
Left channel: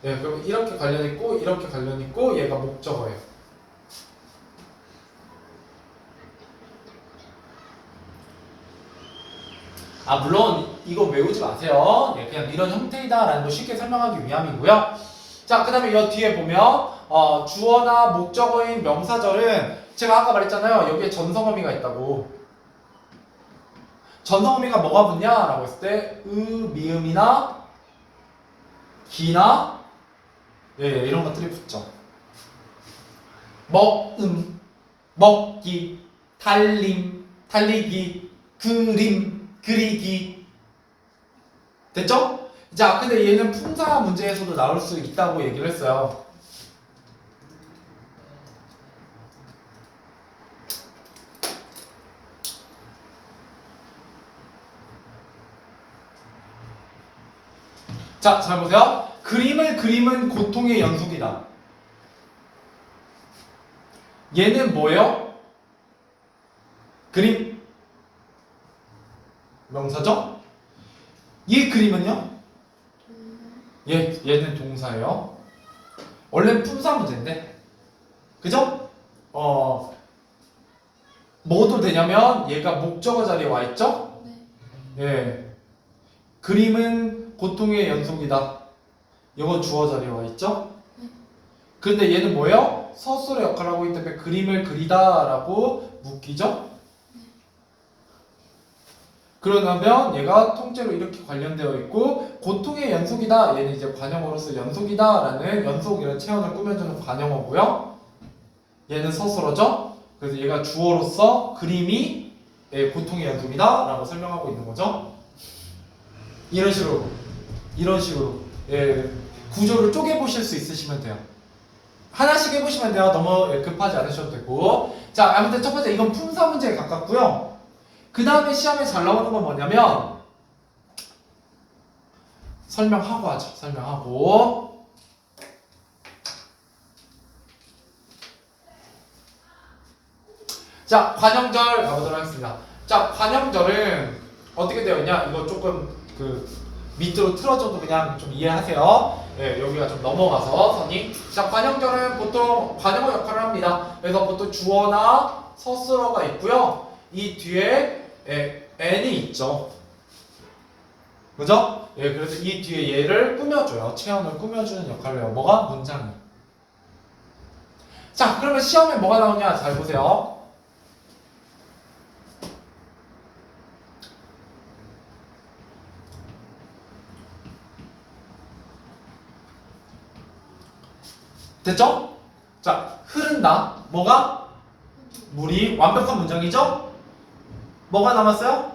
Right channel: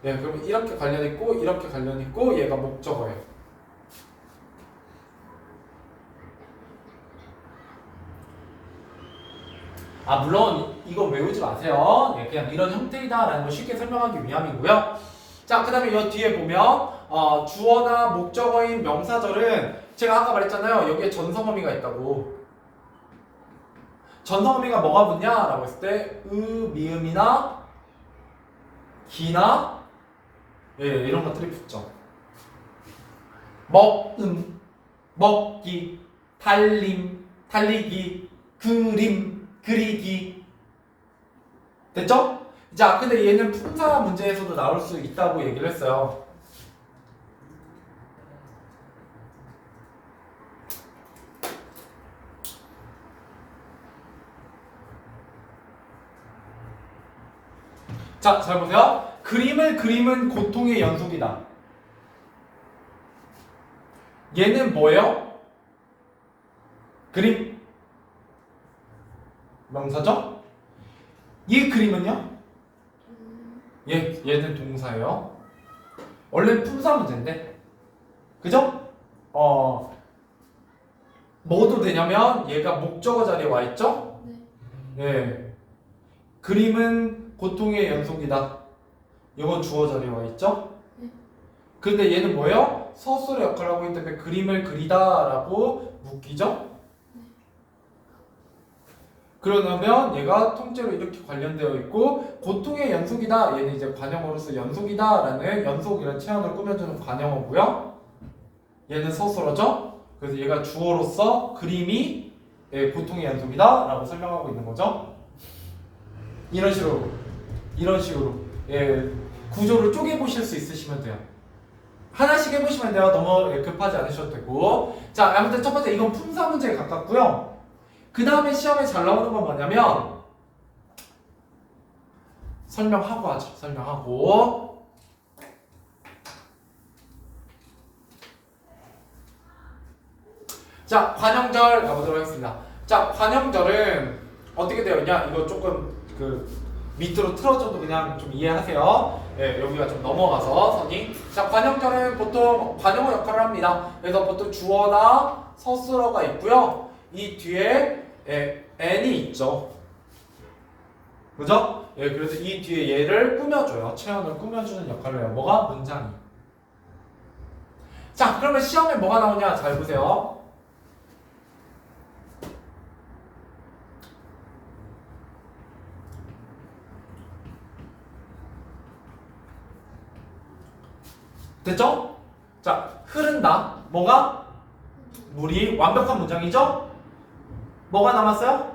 예, 그럼 이렇게 관련 있고 이렇게 관련 있고 얘가 목적어예요. 물론 이거 외우지 마세요. 예, 그냥 이런 형태이다라는 걸 쉽게 설명하기 위함이고요. 자, 그 다음에 이 뒤에 보면 주어나 목적어인 명사절은 제가 아까 말했잖아요. 여기에 전성어미가 있다고. 전성어미가 뭐가 붙냐라고 했을 때 미음이나 기나 예, 이런 것들이 붙죠. 먹기, 달리기, 그리기. 됐죠? 자, 근데 얘는 품사 문제에서도 나올 수 있다고 얘기를 했어요. 자, 잘 보세요. 그림을 그림은 고통의 연속이다. 얘는 뭐예요? 그림 명사죠? 이 그림은요? 얘는 동사예요. 원래 품사 문제인데, 그죠? 뭐도 되냐면 얘가 목적어 자리에 와 있죠? 네. 예. 그림은 고통의 연속이다. 이건 주어 자리에 와 있죠? 근데 얘는 뭐예요? 서술의 역할을 하고 있기 때문에 그림을 그리다라고 묶이죠? 그러면 얘가 통째로 이렇게 관련되어 있고 고통의 연속이다. 얘는 이제 관형어로서 연속이다라는 연속이라는 체험을 꾸며주는 관형어고요. 얘는 서술어죠. 그래서 얘가 주어로서 그림이 고통의 연속이다라고 설명하고 있는 거죠. 이런 식으로 구조를 쪼개 보실 수 있으시면 돼요. 하나씩 해보시면 돼요. 너무 급하지 않으셔도 되고. 자, 아무튼 첫 번째 이건 품사 문제에 가깝고요. 그 다음에 시험에 잘 나오는 건 뭐냐면 설명하고 하죠. 설명하고. 자, 관형절 가보도록 하겠습니다. 자, 관형절은 어떻게 되어 있냐? 이거 조금 밑으로 틀어줘도 그냥 좀 이해하세요. 예, 여기가 좀 넘어가서 선이. 자, 관형절은 보통 관형어 역할을 합니다. 그래서 보통 주어나 서술어가 있고요. 이 뒤에 n이 있죠. 그죠? 예, 그래서 이 뒤에 얘를 꾸며줘요. 체형을 꾸며주는 역할을 해요. 뭐가? 문장이. 자, 그러면 시험에 뭐가 나오냐? 잘 보세요. 됐죠? 자, 흐른다. 뭐가? 물이. 완벽한 문장이죠? 뭐가 남았어요?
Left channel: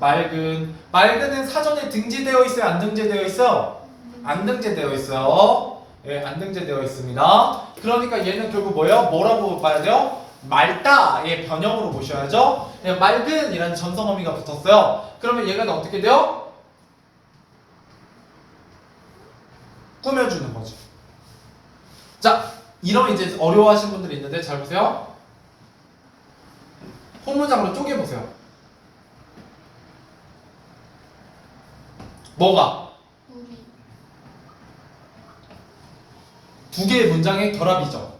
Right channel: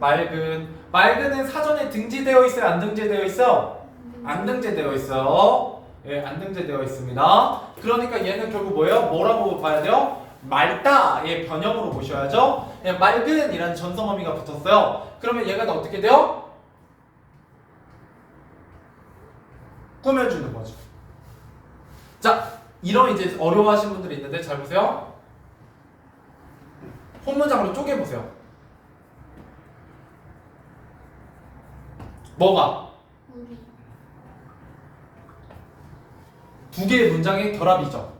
맑은은 사전에 등재되어 있어요? 안 등재되어 있어요? 안 등재되어 있어요. 예, 안 등재되어 있습니다. 그러니까 얘는 결국 뭐예요? 뭐라고 봐야 돼요? 맑다의 변형으로 보셔야죠. 예, 맑은이라는 전성어미가 붙었어요. 그러면 얘가 어떻게 돼요? 꾸며주는 거죠. 자, 이러면 이제 어려워하시는 분들이 있는데 잘 보세요. 본문장으로 쪼개보세요. 뭐가? 우리. 두 개의 문장의 결합이죠.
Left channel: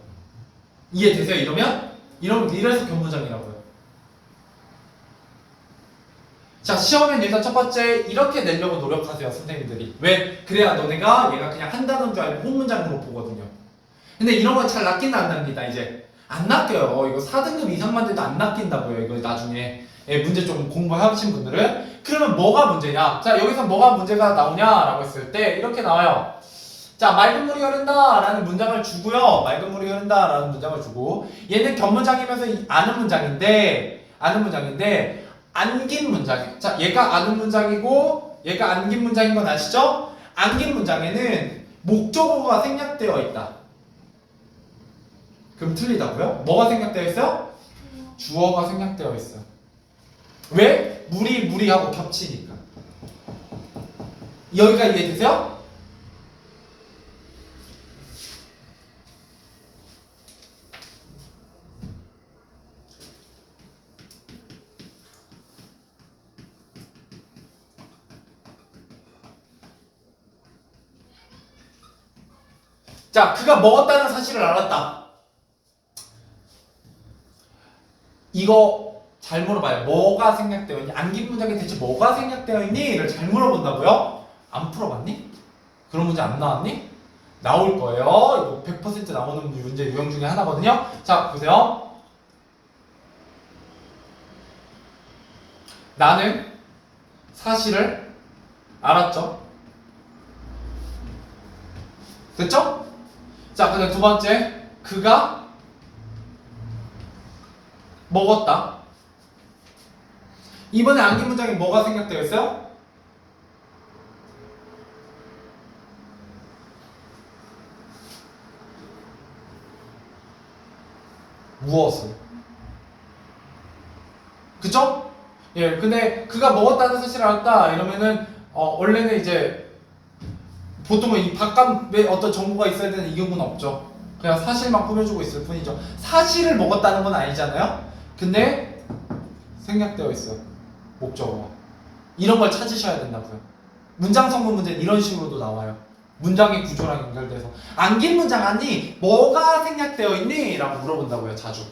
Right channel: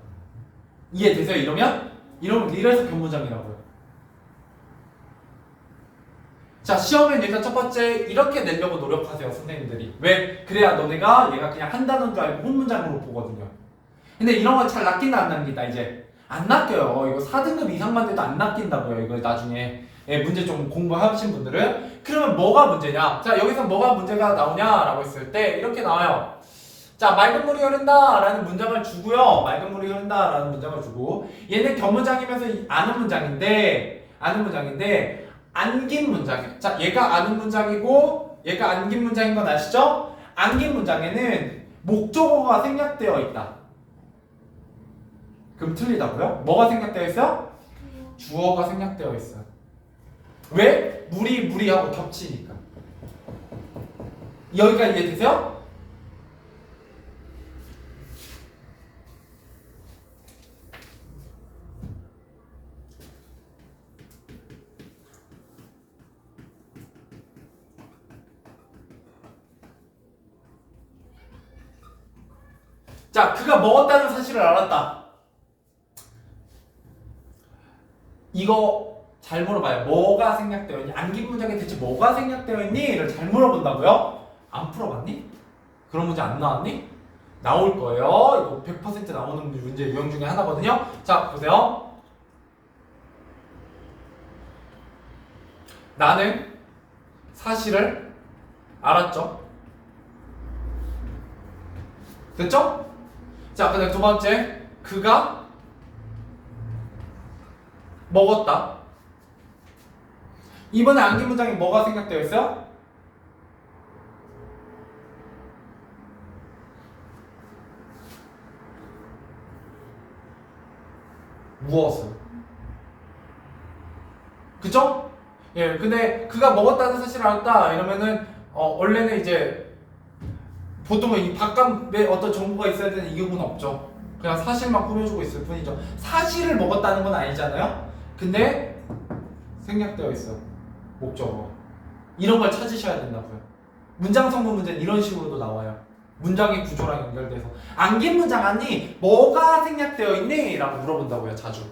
이해되세요? 이러면 이래서 견문장이라고요. 자, 시험엔 일단 첫 번째 이렇게 내려고 노력하세요, 선생님들이. 왜? 그래야 너네가 얘가 그냥 한 단어인 줄 알고 본문장으로 보거든요. 근데 이런 거 잘 낚인다 안 낚인다 이제? 안 낚여요. 이거 4등급 이상만 돼도 안 낚인다고요. 이거 나중에 문제 좀 공부하신 분들은. 그러면 뭐가 문제냐? 자, 여기서 뭐가 문제가 나오냐라고 했을 때 이렇게 나와요. 자, 맑은 물이 흐른다 라는 문장을 주고요. 맑은 물이 흐른다 라는 문장을 주고 얘는 견문장이면서 아는 문장인데 안긴 문장. 자, 얘가 아는 문장이고 얘가 안긴 문장인 건 아시죠? 안긴 문장에는 목적어가 생략되어 있다. 그럼 틀리다고요? 뭐가 생략되어 있어요? 주어가 생략되어 있어요. 왜? 무리하고 겹치니까. 여기가 이해되세요? 자, 그가 먹었다는 사실을 알았다. 이거 잘 물어봐요. 뭐가 생략되어 있니? 안긴 문장에 대체 뭐가 생략되어 있니?를 잘 물어본다고요? 안 풀어봤니? 그런 문제 안 나왔니? 나올 거예요. 이거 100% 나오는 문제 유형 중에 하나거든요. 자, 보세요. 나는 사실을 알았죠? 됐죠? 자, 그다음 두 번째. 그가 먹었다. 이번에 안긴 문장에 뭐가 생략되어 있어요? 무엇을? 그쵸? 예, 근데 그가 먹었다는 사실을 알았다 이러면은 원래는 이제 보통은 이 바깥에 어떤 정보가 있어야 되는 이 경우는 없죠. 그냥 사실만 꾸며주고 있을 뿐이죠. 사실을 먹었다는 건 아니잖아요. 근데 생략되어 있어요. 목적어가. 이런 걸 찾으셔야 된다고요. 문장 성분 문제는 이런 식으로도 나와요. 문장의 구조랑 연결돼서 안긴 문장 아니 뭐가 생략되어 있니? 라고 물어본다고요. 자주.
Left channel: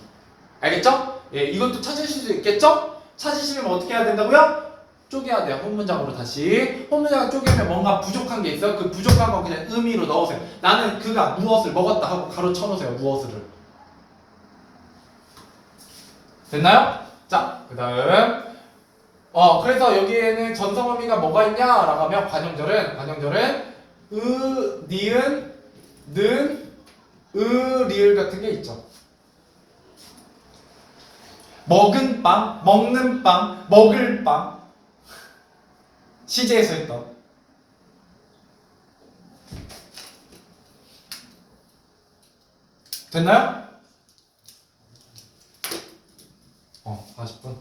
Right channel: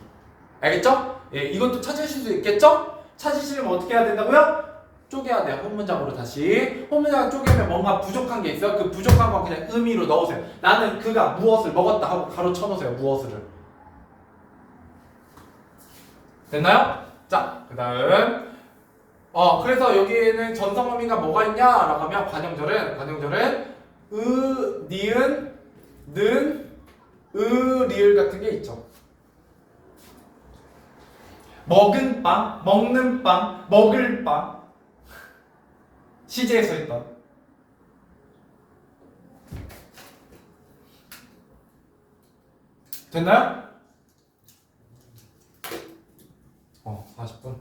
알겠죠? 예, 이것도 찾으실 수 있겠죠? 찾으시려면 어떻게 해야 된다고요? 쪼개야 돼요. 홈문장으로 다시. 홈문장을 쪼개면 뭔가 부족한 게 있어요. 그 부족한 거 그냥 의미로 넣으세요. 나는 그가 무엇을 먹었다 하고 가로 쳐놓으세요. 무엇을. 됐나요? 자, 그 다음 그래서 여기에는 전성 의미가 뭐가 있냐? 라고 하면 관형절은 니은, 는, 리을 같은 게 있죠. 먹은 빵, 먹는 빵, 먹을 빵. 시제에서 했던. 됐나요? 40분.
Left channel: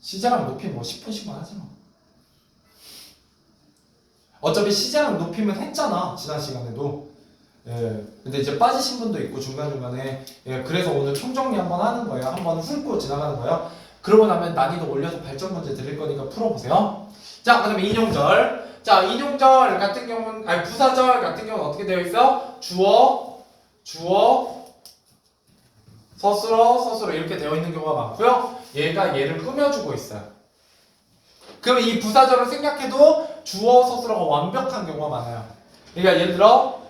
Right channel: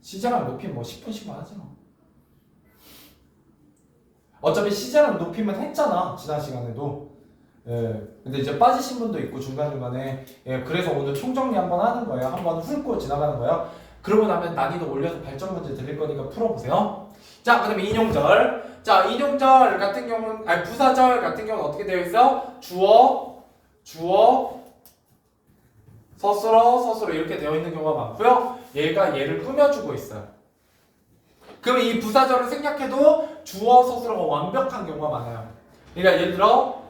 시제랑 높이 뭐 10분씩만 하지 마. 어차피 시제랑 높이면 했잖아. 지난 시간에도. 예. 근데 이제 빠지신 분도 있고 중간중간에. 예. 그래서 오늘 총정리 한번 하는 거예요. 한번 훑고 지나가는 거예요. 그러고 나면 난이도 올려서 발전 문제 드릴 거니까 풀어보세요. 자, 그 다음에 인용절. 자, 인용절 같은 경우는, 아니, 부사절 같은 경우는 어떻게 되어 있어요? 주어, 서술어 이렇게 되어 있는 경우가 많고요. 얘가 얘를 꾸며주고 있어요. 그러면 이 부사절을 생략해도 주어, 서술어가 완벽한 경우가 많아요. 그러니까 예를 들어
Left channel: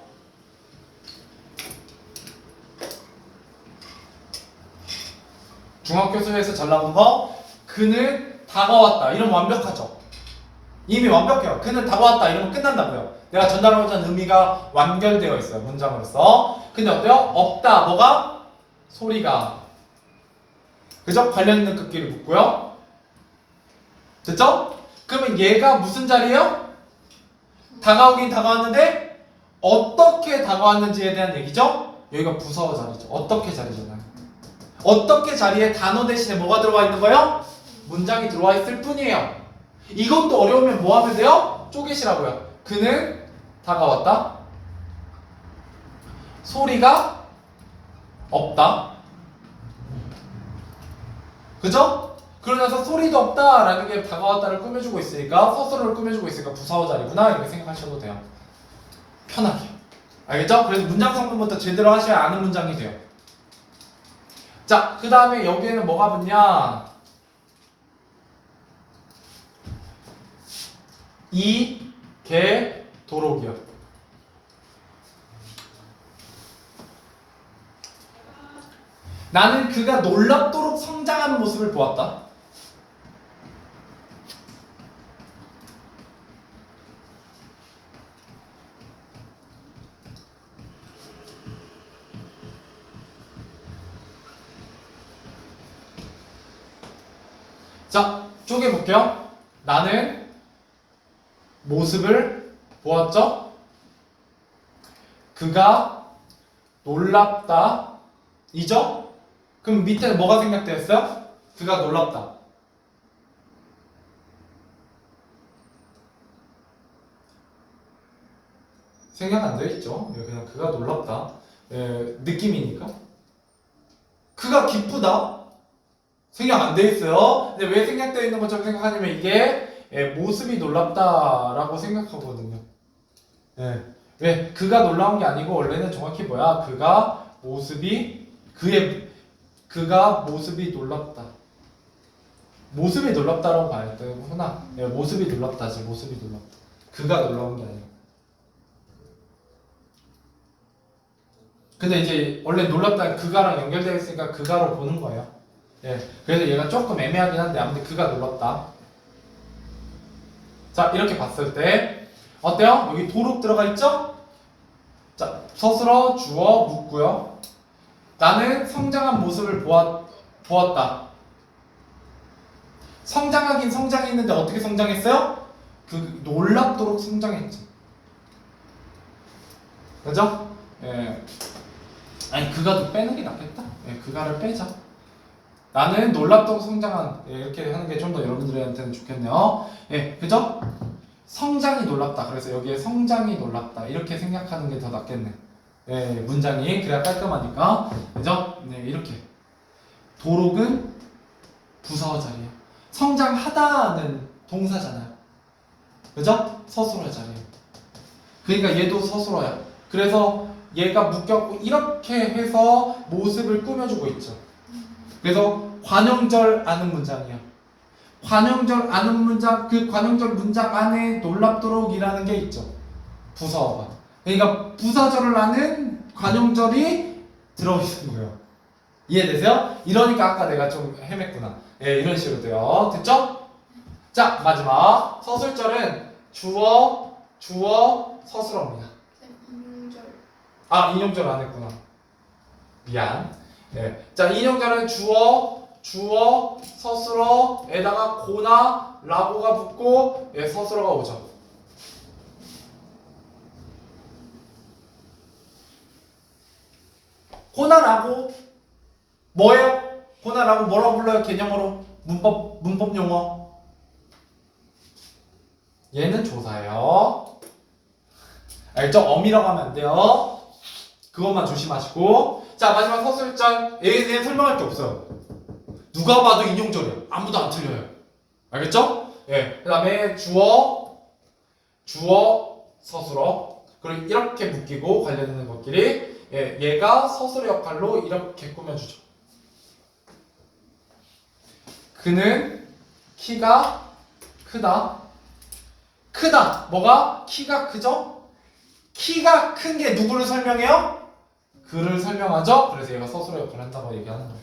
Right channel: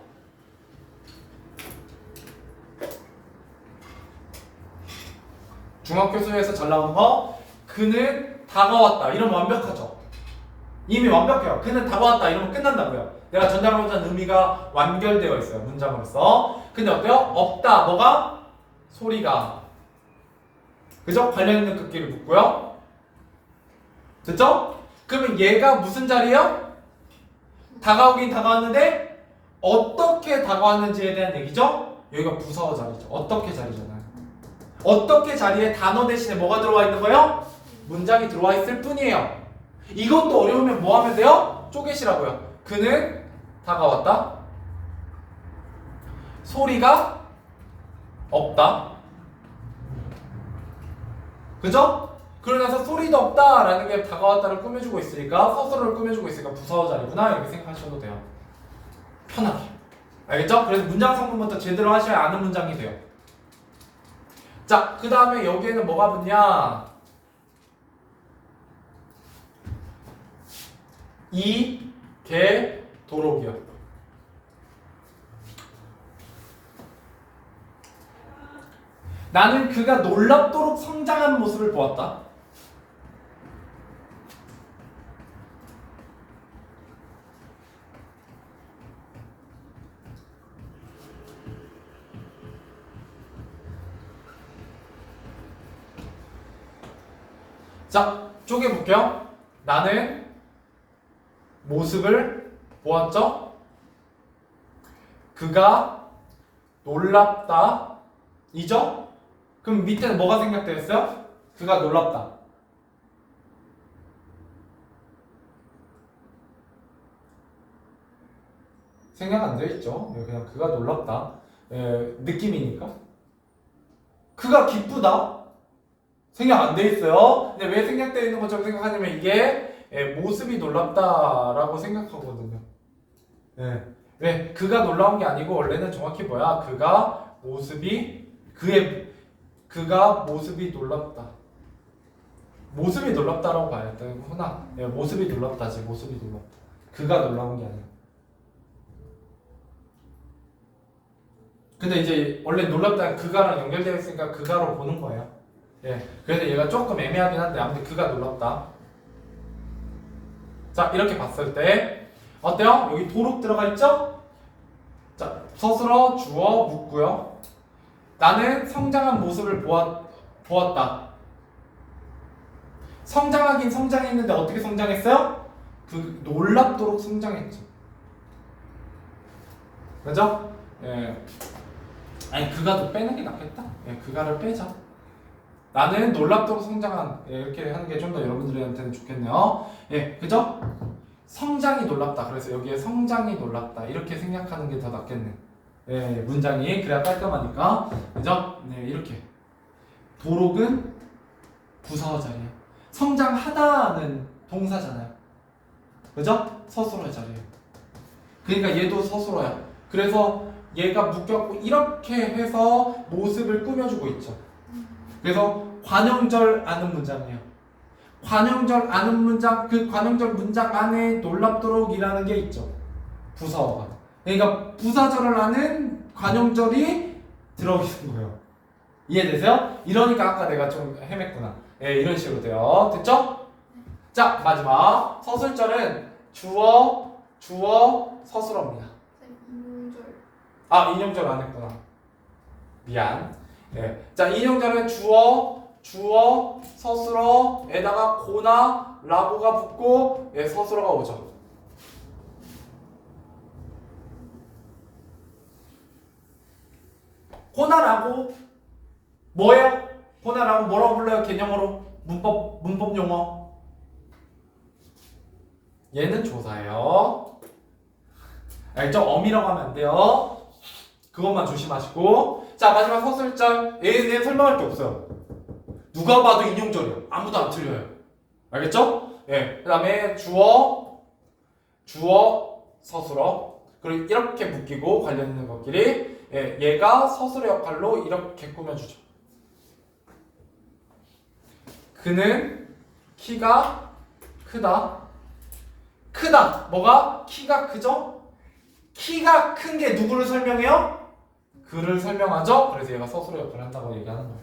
중학교 수에서 잘 나온 거 그는 다가왔다 이러면 완벽하죠. 이미 완벽해요. 그는 다가왔다 이러면 끝난다고요. 내가 전달하고자 하는 의미가 완결되어 있어요. 문장으로서. 근데 어때요? 없다. 뭐가? 소리가. 그죠? 관련 있는 급기를 묻고요. 됐죠? 그러면 얘가 무슨 자리예요? 다가오긴 다가왔는데 어떻게 다가왔는지에 대한 얘기죠? 여기가 부서 자리죠. 어떻게 자리잖아요. 어떻게 자리에 단어 대신에 뭐가 들어와 있는 거예요? 문장이 들어와 있을 뿐이에요. 이것도 어려우면 뭐 하면 돼요? 쪼개시라고요. 그는 다가왔다. 소리가 없다. 그죠? 그러면서 소리도 없다라는 게 다가왔다를 꾸며주고 있으니까 서술어를 꾸며주고 있으니까 부사어 자리구나 이렇게 생각하셔도 돼요. 편하게. 알겠죠? 그래서 문장 성분부터 제대로 하셔야 아는 문장이 돼요. 자, 그 다음에 여기에는 뭐가 붙냐? 도록이요. 나는 그가 놀랍도록 성장한 모습을 보았다. 자, 쪼개볼게요. 나는 모습을 보았죠? 그가 놀랍다. 이죠? 그럼 밑에 뭐가 생략되어 있어요? 그가 놀랍다. 생략 안 되어 있죠? 그냥 그가 놀랍다. 느낌이니까. 그가 기쁘다. 생략 안 되어 있어요. 근데 왜 생략되어 있는 것처럼 생각하냐면 이게 모습이 놀랍다라고 생각하거든요. 왜? 그가 놀라운 게 아니고 원래는 정확히 뭐야? 그가 모습이 놀랍다. 모습이 놀랍다라고 봐야 되구나. 모습이 놀랍다지. 모습이 놀랍다. 그가 놀라운 게 아니야. 근데 이제 원래 놀랍다 그가랑 연결되어 있으니까 그가로 보는 거예요. 그래서 얘가 조금 애매하긴 한데 아무튼 그가 놀랍다. 자, 이렇게 봤을 때 어때요? 여기 도록 들어가 있죠? 자, 서술어, 주어, 묻고요. 나는 성장한 모습을 보았다. 성장하긴 성장했는데 어떻게 성장했어요? 놀랍도록 성장했죠. 그죠? 아니 그가도 빼는 게 낫겠다. 그가를 빼자. 나는 놀랍도록 성장한 이렇게 하는 게 좀 더 여러분들한테는 좋겠네요. 그죠? 성장이 놀랍다. 그래서 여기에 성장이 놀랍다. 이렇게 생각하는 게 더 낫겠네. 문장이 그래야 깔끔하니까. 그죠? 이렇게. 도록은 부사어 자리예요. 성장하다는 동사잖아요. 그죠? 서술어의 자리예요. 그러니까 얘도 서술어야. 그래서 얘가 묶였고 이렇게 해서 모습을 꾸며주고 있죠. 그래서 관형절 아는 문장이야. 관형절 아는 문장, 그 관형절 문장 안에 놀랍도록이라는 게 있죠. 부사어가. 그러니까 부사절을 아는 관형절이 들어있는 거예요. 이해되세요? 이러니까 아까 내가 좀 헤맸구나. 예, 이런 식으로 돼요. 됐죠? 자, 마지막 서술절은 주어, 서술어입니다. 인용절. 아, 인용절 안 했구나. 미안. 예. 자, 인용절은 주어, 서술어에다가 고나, 라고가 붙고 예, 서술어가 오죠. 고나라고 뭐예요? 고나라고 뭐라고 불러요? 개념으로 문법 용어. 얘는 조사예요. 알죠? 어미라고 하면 안 돼요. 그것만 조심하시고. 자, 마지막 서술절. 얘에 설명할 게 없어요. 누가 봐도 인용절이야. 아무도 안 틀려요. 알겠죠? 예. 그 다음에 주어, 서술어. 그리고 이렇게 묶이고 관련 있는 것끼리 예, 얘가 서술의 역할로 이렇게 꾸며주죠. 그는 키가 크다. 크다. 뭐가? 키가 크죠? 키가 큰 게 누구를 설명해요? 그를 설명하죠? 그래서 얘가 서술의 역할을 한다고 얘기하는 거예요.